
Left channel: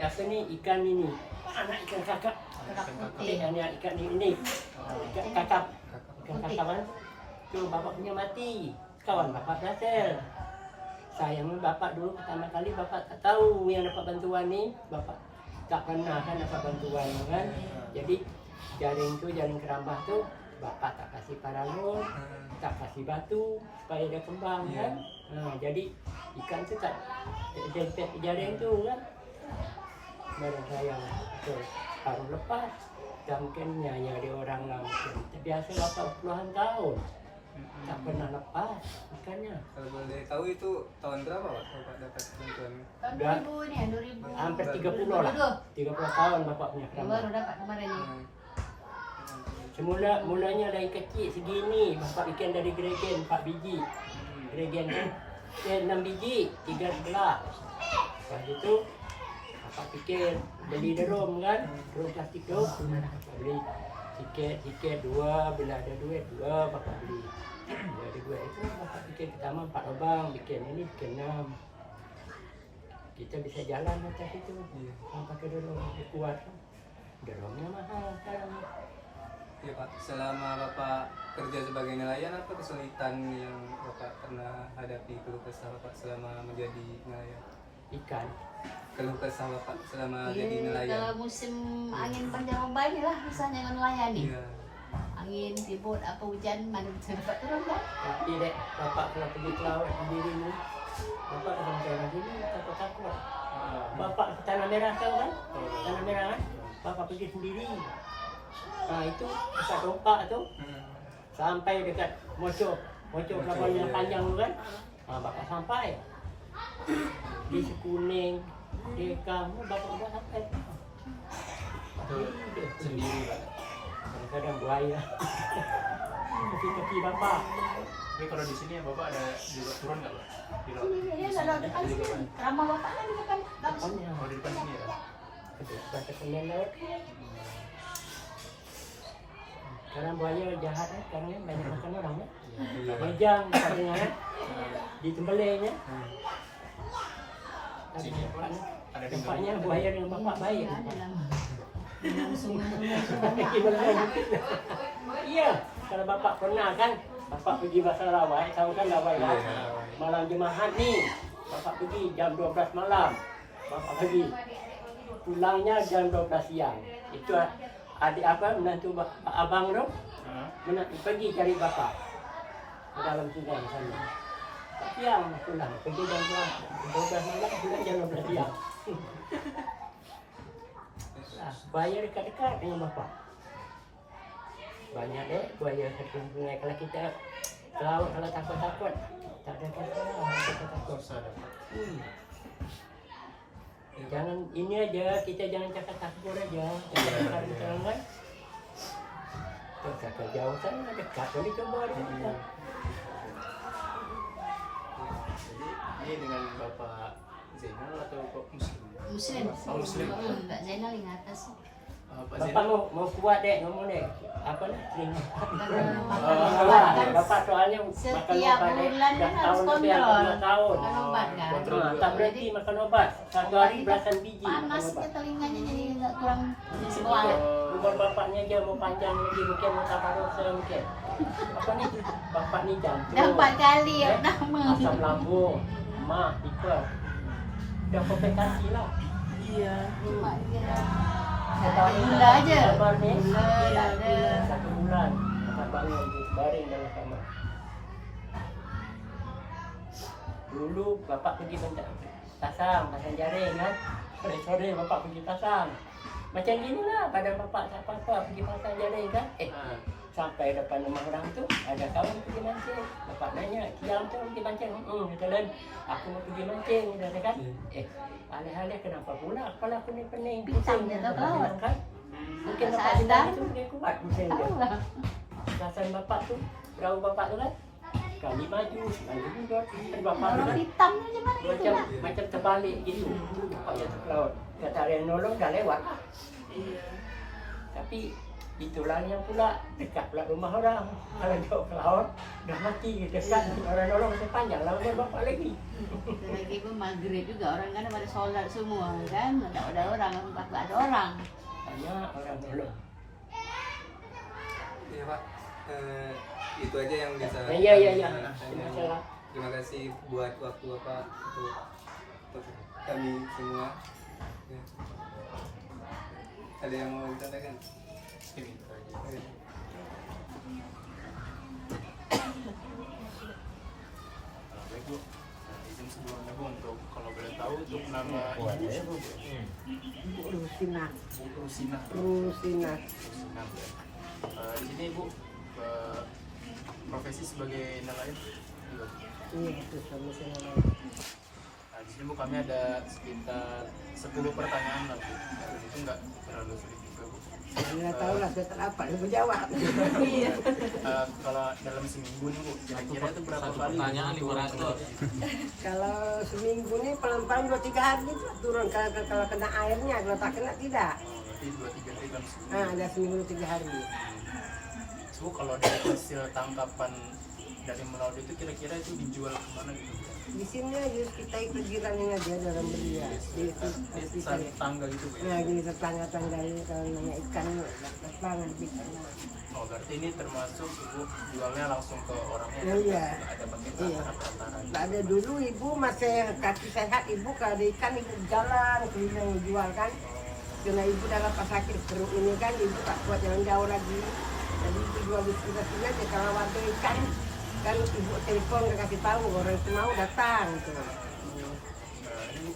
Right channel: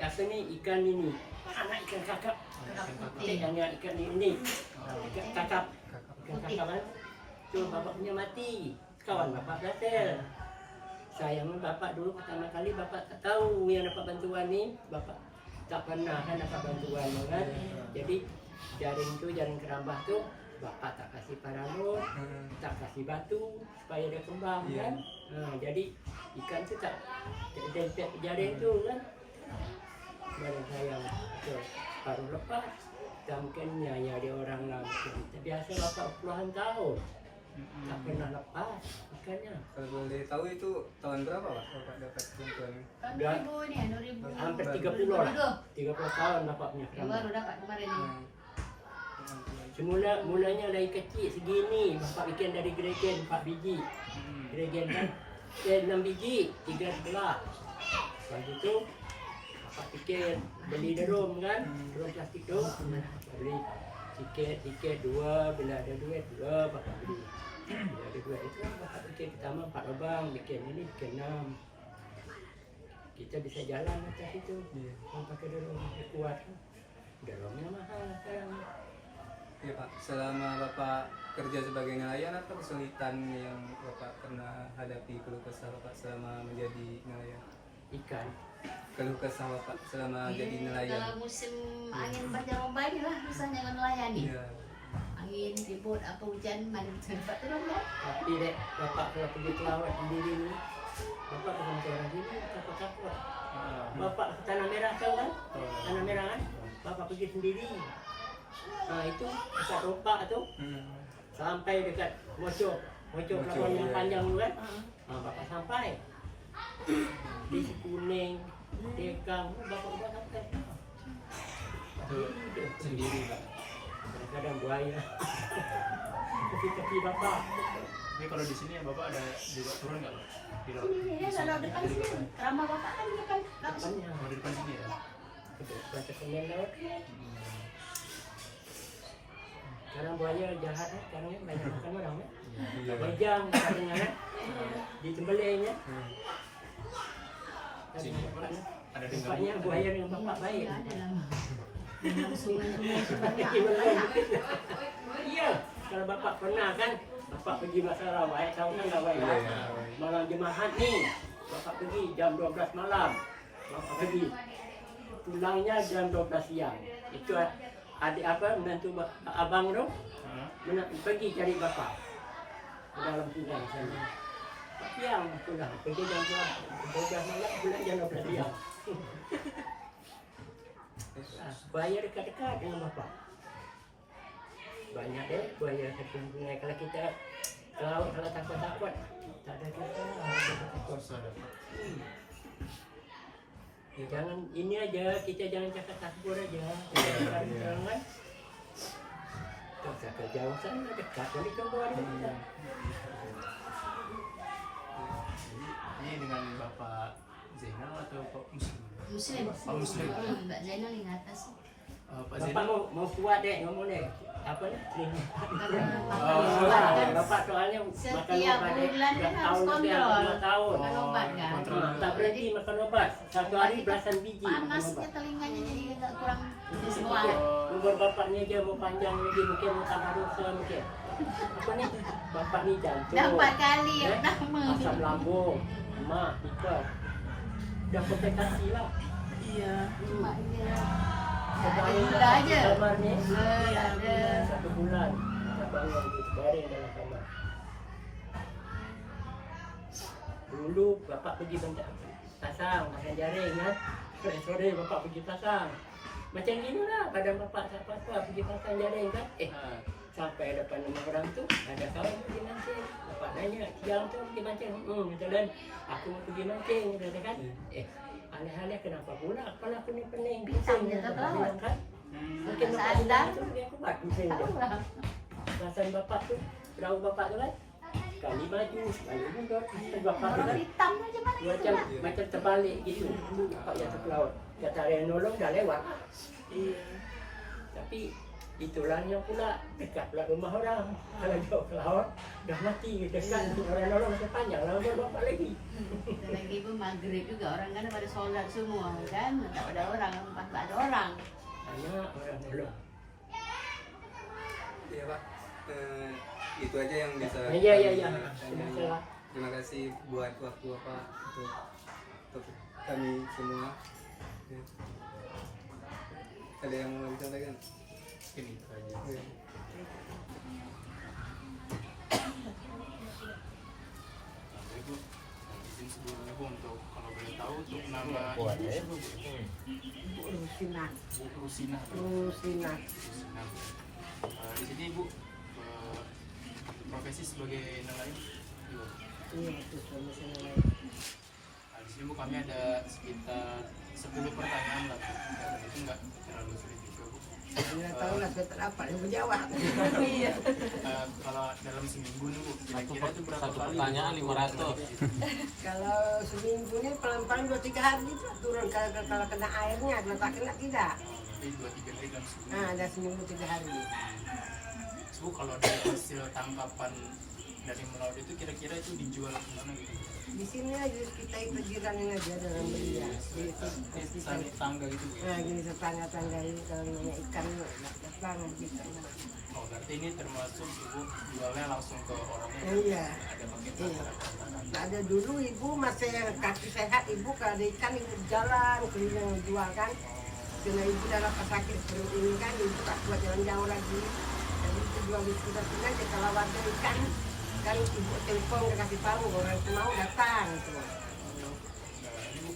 Apa ni ikan ini? Anak ikan kakap. Ikan Putih yang dia ikan ini. Ikan kakap. Ikan kakap kan? Tu bapak punya mati. Kawan bapak berhasil. Sayang bapak dulu pertama kali bapak tak tahu yang dapat bantuan ni. Bapak tak pernah kan dapat bantuan kan. Jadi jaring kerambah tu bapak tak kasih parangun, tak kasih batu supaya dia kembang kan. Jadi ikan tu tak dempet jaring tu kan. Baru saya baru lepas. Dan mungkin nyanyi ada orang lah. Biasa bapak puluhan tahun tak pernah lepas ikannya. Kalau boleh tahu itu tahun berapa Pak Bapak dapat bantuan? Tahun Dah. 2000 ni, 2000. Hampir 30 lah. 30 tahun bapak punya Dia kerambah. baru dapat kemarin ni. Mulanya dari kecil segini bapak bikin dari geregen 4 biji. Geregen kan 6 biji 3 sebelah. Lepas itu bapak fikir beli drum kan, drum plastik tu. Bapak beli tiket 2 bila ada duit 2 bapak beli. Bila ada duit itu bapak bikin pertama 4 lubang, bikin ini bikin 6. kita bisa jalan atas itu. Pakai dorong kuat kan. Dorongnya mahal sekarang. Ya Pak, selama Bapak kerja sebagai nelayan, apa kesulitan yang Bapak pernah hadapi, keluh kesah Bapak selama menjadi nelayan? Ikan. Keluh kesah Bapak selama jadi nelayan? Kalau musim angin panjang banyak lah misalnya nelayan nih. Iya. Angin, ribut, apa hujan, mana bisa dapat turun kan? Tapi dek, bapak kalau pergi ke laut sendiri ni, bapak sama orang sini takut-takut. Bapak ke Tanah Merah tahu kan? Tanah Merah kan? Bapak pergi sendiri. Nah itu dekat ropak tu, sampai dekat Mocok kapal yang panjang tu kan? Nah, bapak sampai. Di Sekuning, di kamu bapak sudah sampai. Sendiri kan. Kadang-kadang buaya. Tepi-tepi bapak. Tapi kalau di sini ya bapak ada juga turun nggak, Pak? Di laut. Iya, kalau depan sini, ramah bapak kan di depan. Depannya. Oh, di depan sini ya. Dekat Senin laut. Karena buaya jahat kan, karena banyak makan orang kan. Bajang katanya kan. Ditembelengnya. Sini apa? Ada Tempatnya buaya dengan bapak baik. Sungai-sungai. Iya, kalau bapak pernah kan, bapak pergi Pasar Rawai, tahu kan Rawai kan? Malam Jumaat nih, bapak pergi jam 12 malam, bapak pergi, pulangnya jam 12 siang. Itu adik apa, menantu abang tu, pergi cari bapak ke dalam sungai sana. Siang pulang, pergi jam 12 malam, pulang jam 12 siang. Buaya dekat-dekat dengan bapak. Banyak deh buaya sungai. Kalau kita ke laut kalau takut-takut, tak ada takut. Jangan ini aja, kita jangan cakap takut aja. Jangan. Terus ke jauh sana dekat kali coba kita. Ini dengan Bapak Zainal atau Pak Muslim? Muslim. Oh, Muslim. Mbak Zainal yang atas. Pak Bapak Zainal. mau kuat deh ngomong deh. Apa nih? Makan Bapak soalnya makan setiap obat deh. bulan Dah kan tahun harus lebih hampir kontrol. 2 tahun. Makan obat kan. Kontrol juga. Tak berhenti makan obat. Satu hari belasan biji makan Panasnya obat. telinganya jadi nggak kurang semua. Bukan bapaknya aja mau panjang lagi mungkin mau tabaruk mungkin. Apa nih? Bapak ni jantung. Dah 4 kali ya Eh, pertama. Asam lambung, mak, tipe. Dah kompensasi lah. Iya. Mak dia ada gula aja. Kamar ni, Gula ada. 1 bulan. Abang yang baring dalam kamar. Dulu bapak pergi pasang jaring kan. Sore-sore bapak pergi pasang. Macam gini lah, kadang bapak tak apa-apa pergi pasang jaring kan. Sampai depan rumah orang tu, ada kawan pergi mancing. Bapak nanya, siang tu pergi mancing? Jalan, aku mau pergi mancing. Dia kata kan, alih-alih kenapa pula? Kalau aku ni pening, Bintang bising dia tak kan? tahu. Kan? Mungkin bapak Sadar. bintang itu dia kuat bising dia. Tahu lah. Perasaan bapak tu, perahu bapak tu kan, sekali maju, sekali mundur. Dan bapak tu Orang kan, hitam aja mana macam tu. macam terbalik gitu. Bapak jatuh ke laut. Kata ada yang nolong, dah lewat. Iya. Tapi itulah yang pula dekat pula rumah orang. Kalau jauh ke laut, dah mati dekat. Orang nolong masih panjang, laut bapak lagi. Lagi pun maghrib juga orang kan pada solat semua kan. Tak ada orang, tak ada orang. Hanya orang nolong. Iya Pak, itu aja yang bisa. Ya. Terima kasih buat waktu Bapak untuk kami semua. Ya. Ada yang mau disampaikan? Ini aja. Ya. Baik Bu, izin sebelumnya Bu untuk kalau boleh tahu untuk nama ibu siapa Bu? Bu Rusina. Bu Rusina. Rusina. Rusina Bu. Di sini Bu profesi sebagai nelayan juga. Iya, itu kamu saya. Nah, di sini Bu kami ada sekitar 10 pertanyaan lah Bu. Dan itu nggak terlalu sulit juga Bu. Saya tahu lah setelah apa yang menjawab. Kalau dalam seminggu nih Bu, kira-kira itu berapa kali turun ke laut? Kalau seminggu ini paling-paling 2-3 hari itu turun. Kalau kena airnya, kalau tak kena tidak. Oh, berarti 2-3 hari dalam seminggu. Ada seminggu 3 hari. Bu, kalau dari hasil tangkapan dari melaut itu kira-kira itu dijual kemana gitu? Di sini aja kita ikut jiranin aja dalam beli ya. Di itu kita Tangga gitu Bu, ya? nah gini tetangga ini kalau nanya ikan datang bisa. Oh berarti ini termasuk ibu jualnya langsung ke orangnya? Oh, iya. Nggak ada pakai Iya. perantara gitu? Tak ada dulu ibu masih kaki sehat ibu kalau ada ikan ibu jalan keliling jual kan. Karena ibu dah lepas sakit perut ini kan ibu tak kuat jalan jauh lagi. Jadi ibu jual di sekitar sini aja kalau ada ikan kan ibu telepon ke kasih tahu orang itu mau datang tuh. Ini Bu,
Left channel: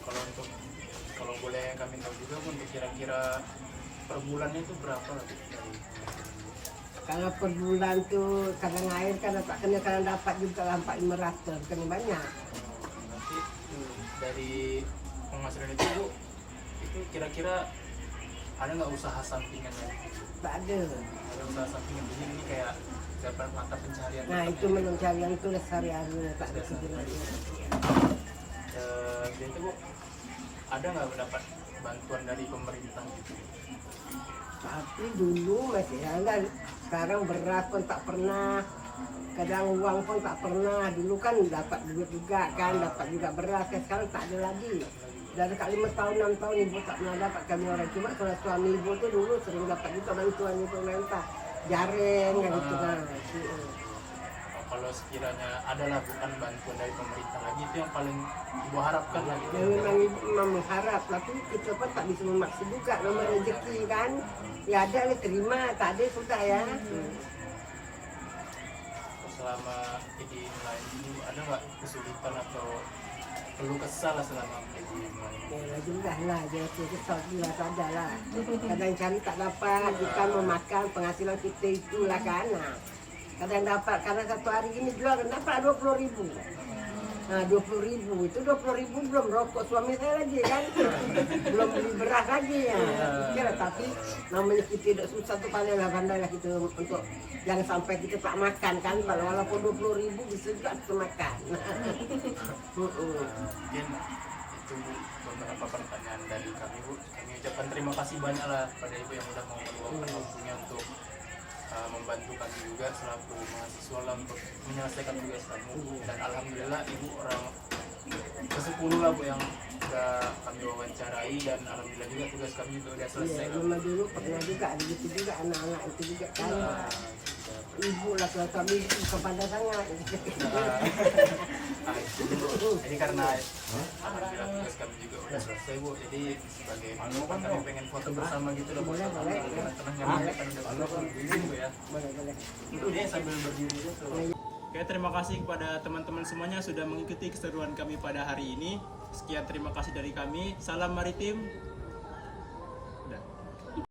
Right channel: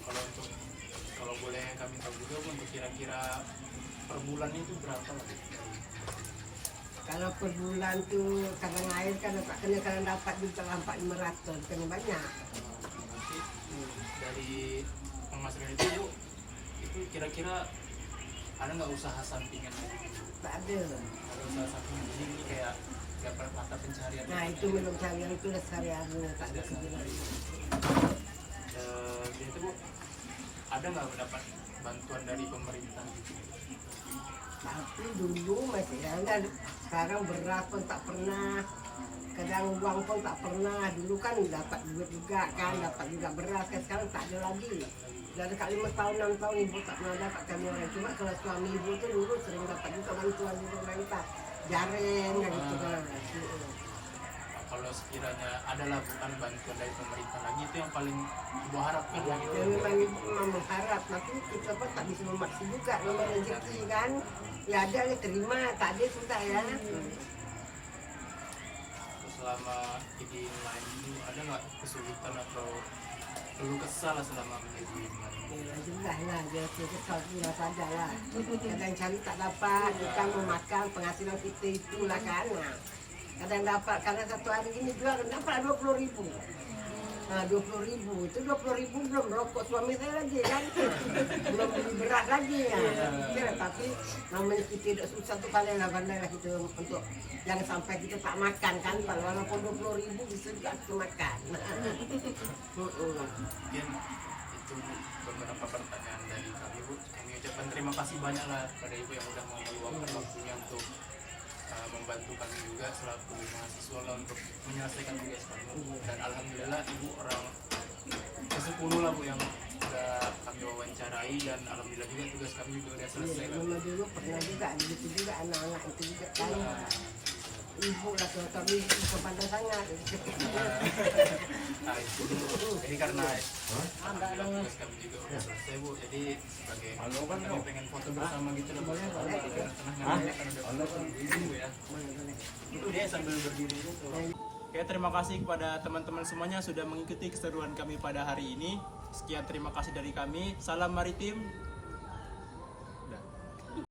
kalau boleh kami tahu juga Bu, untuk kira-kira per bulannya itu berapa lah Bu, dari Kalau per bulan tuh kadang air kan tak kena kadang dapat juga lah 400 kena banyak. nanti dari penghasilan itu Bu, itu kira-kira ada nggak usaha sampingan lagi? Tak ada. Ada usaha sampingan begini ini kayak dapat mata pencarian? Nah itu memang carian itu dah sehari-hari tak ada kerja lagi. Jadi Bu, ada nggak mendapat bantuan dari pemerintah gitu? Tapi dulu masih ada, sekarang beras pun tak pernah, kadang uang pun tak pernah. Dulu kan dapat duit juga kan, dapat juga beras, kan sekarang tak ada lagi. Dari kali 5 tahun 6 tahun ibu tak pernah dapat kami orang. Cuma kalau suami ibu tuh dulu sering dapat juga bantuan dari pemerintah, jaring dan itu kan. Kalau sekiranya adalah bukan bantuan dari pemerintah lagi, itu yang paling ibu harapkan lah gitu. Ya memang ibu memang mengharap, tapi kita pun tak bisa memaksa juga, nomor rezeki kan. Ya ada ya terima, tak ada sudah ya. Selama jadi nelayan itu ada nggak kesulitan atau perlu kesal lah selama menjadi nelayan? Ya jelas lah, dia kesal jelas ada lah. Kadang cari tak dapat, ikan memakan penghasilan kita itulah kan. Nah, kadang dapat, karena satu hari ini jual dapat 20.000. Nah 20.000 itu 20.000 belum rokok suami saya lagi kan, belum beli beras lagi ya. Kira tapi namanya kita tidak susah tuh paling lah pandai lah kita untuk jangan sampai kita tak makan kan. Walaupun 20.000 bisa juga kita makan. Mungkin itu Bu, beberapa pertanyaan dari kami Bu. Kami ucapkan terima kasih banyak lah pada Ibu yang sudah mau meluangkan waktunya untuk membantu kami juga selaku mahasiswa lah untuk menyelesaikan tugas kami. Dan alhamdulillah Ibu orang ke-10 lah Bu yang sudah kami wawancarai, dan alhamdulillah juga tugas kami juga sudah selesai Iya, lah. rumah dulu pernah juga ada gitu juga anak-anak itu juga kan. Ibu lah kalau kami kepada sangat. Jadi karena alhamdulillah tugas kami juga udah selesai Bu, jadi sebagai penutupan kami pengen foto bersama gitu loh Bu. Boleh, boleh. Jadi tengah-tengah ngambil kan udah foto Bu ya. Boleh. Dia sambil berdiri gitu. Oke, terima kasih kepada teman-teman semuanya sudah mengikuti keseruan kami pada hari ini. Sekian terima kasih dari kami. Salam maritim.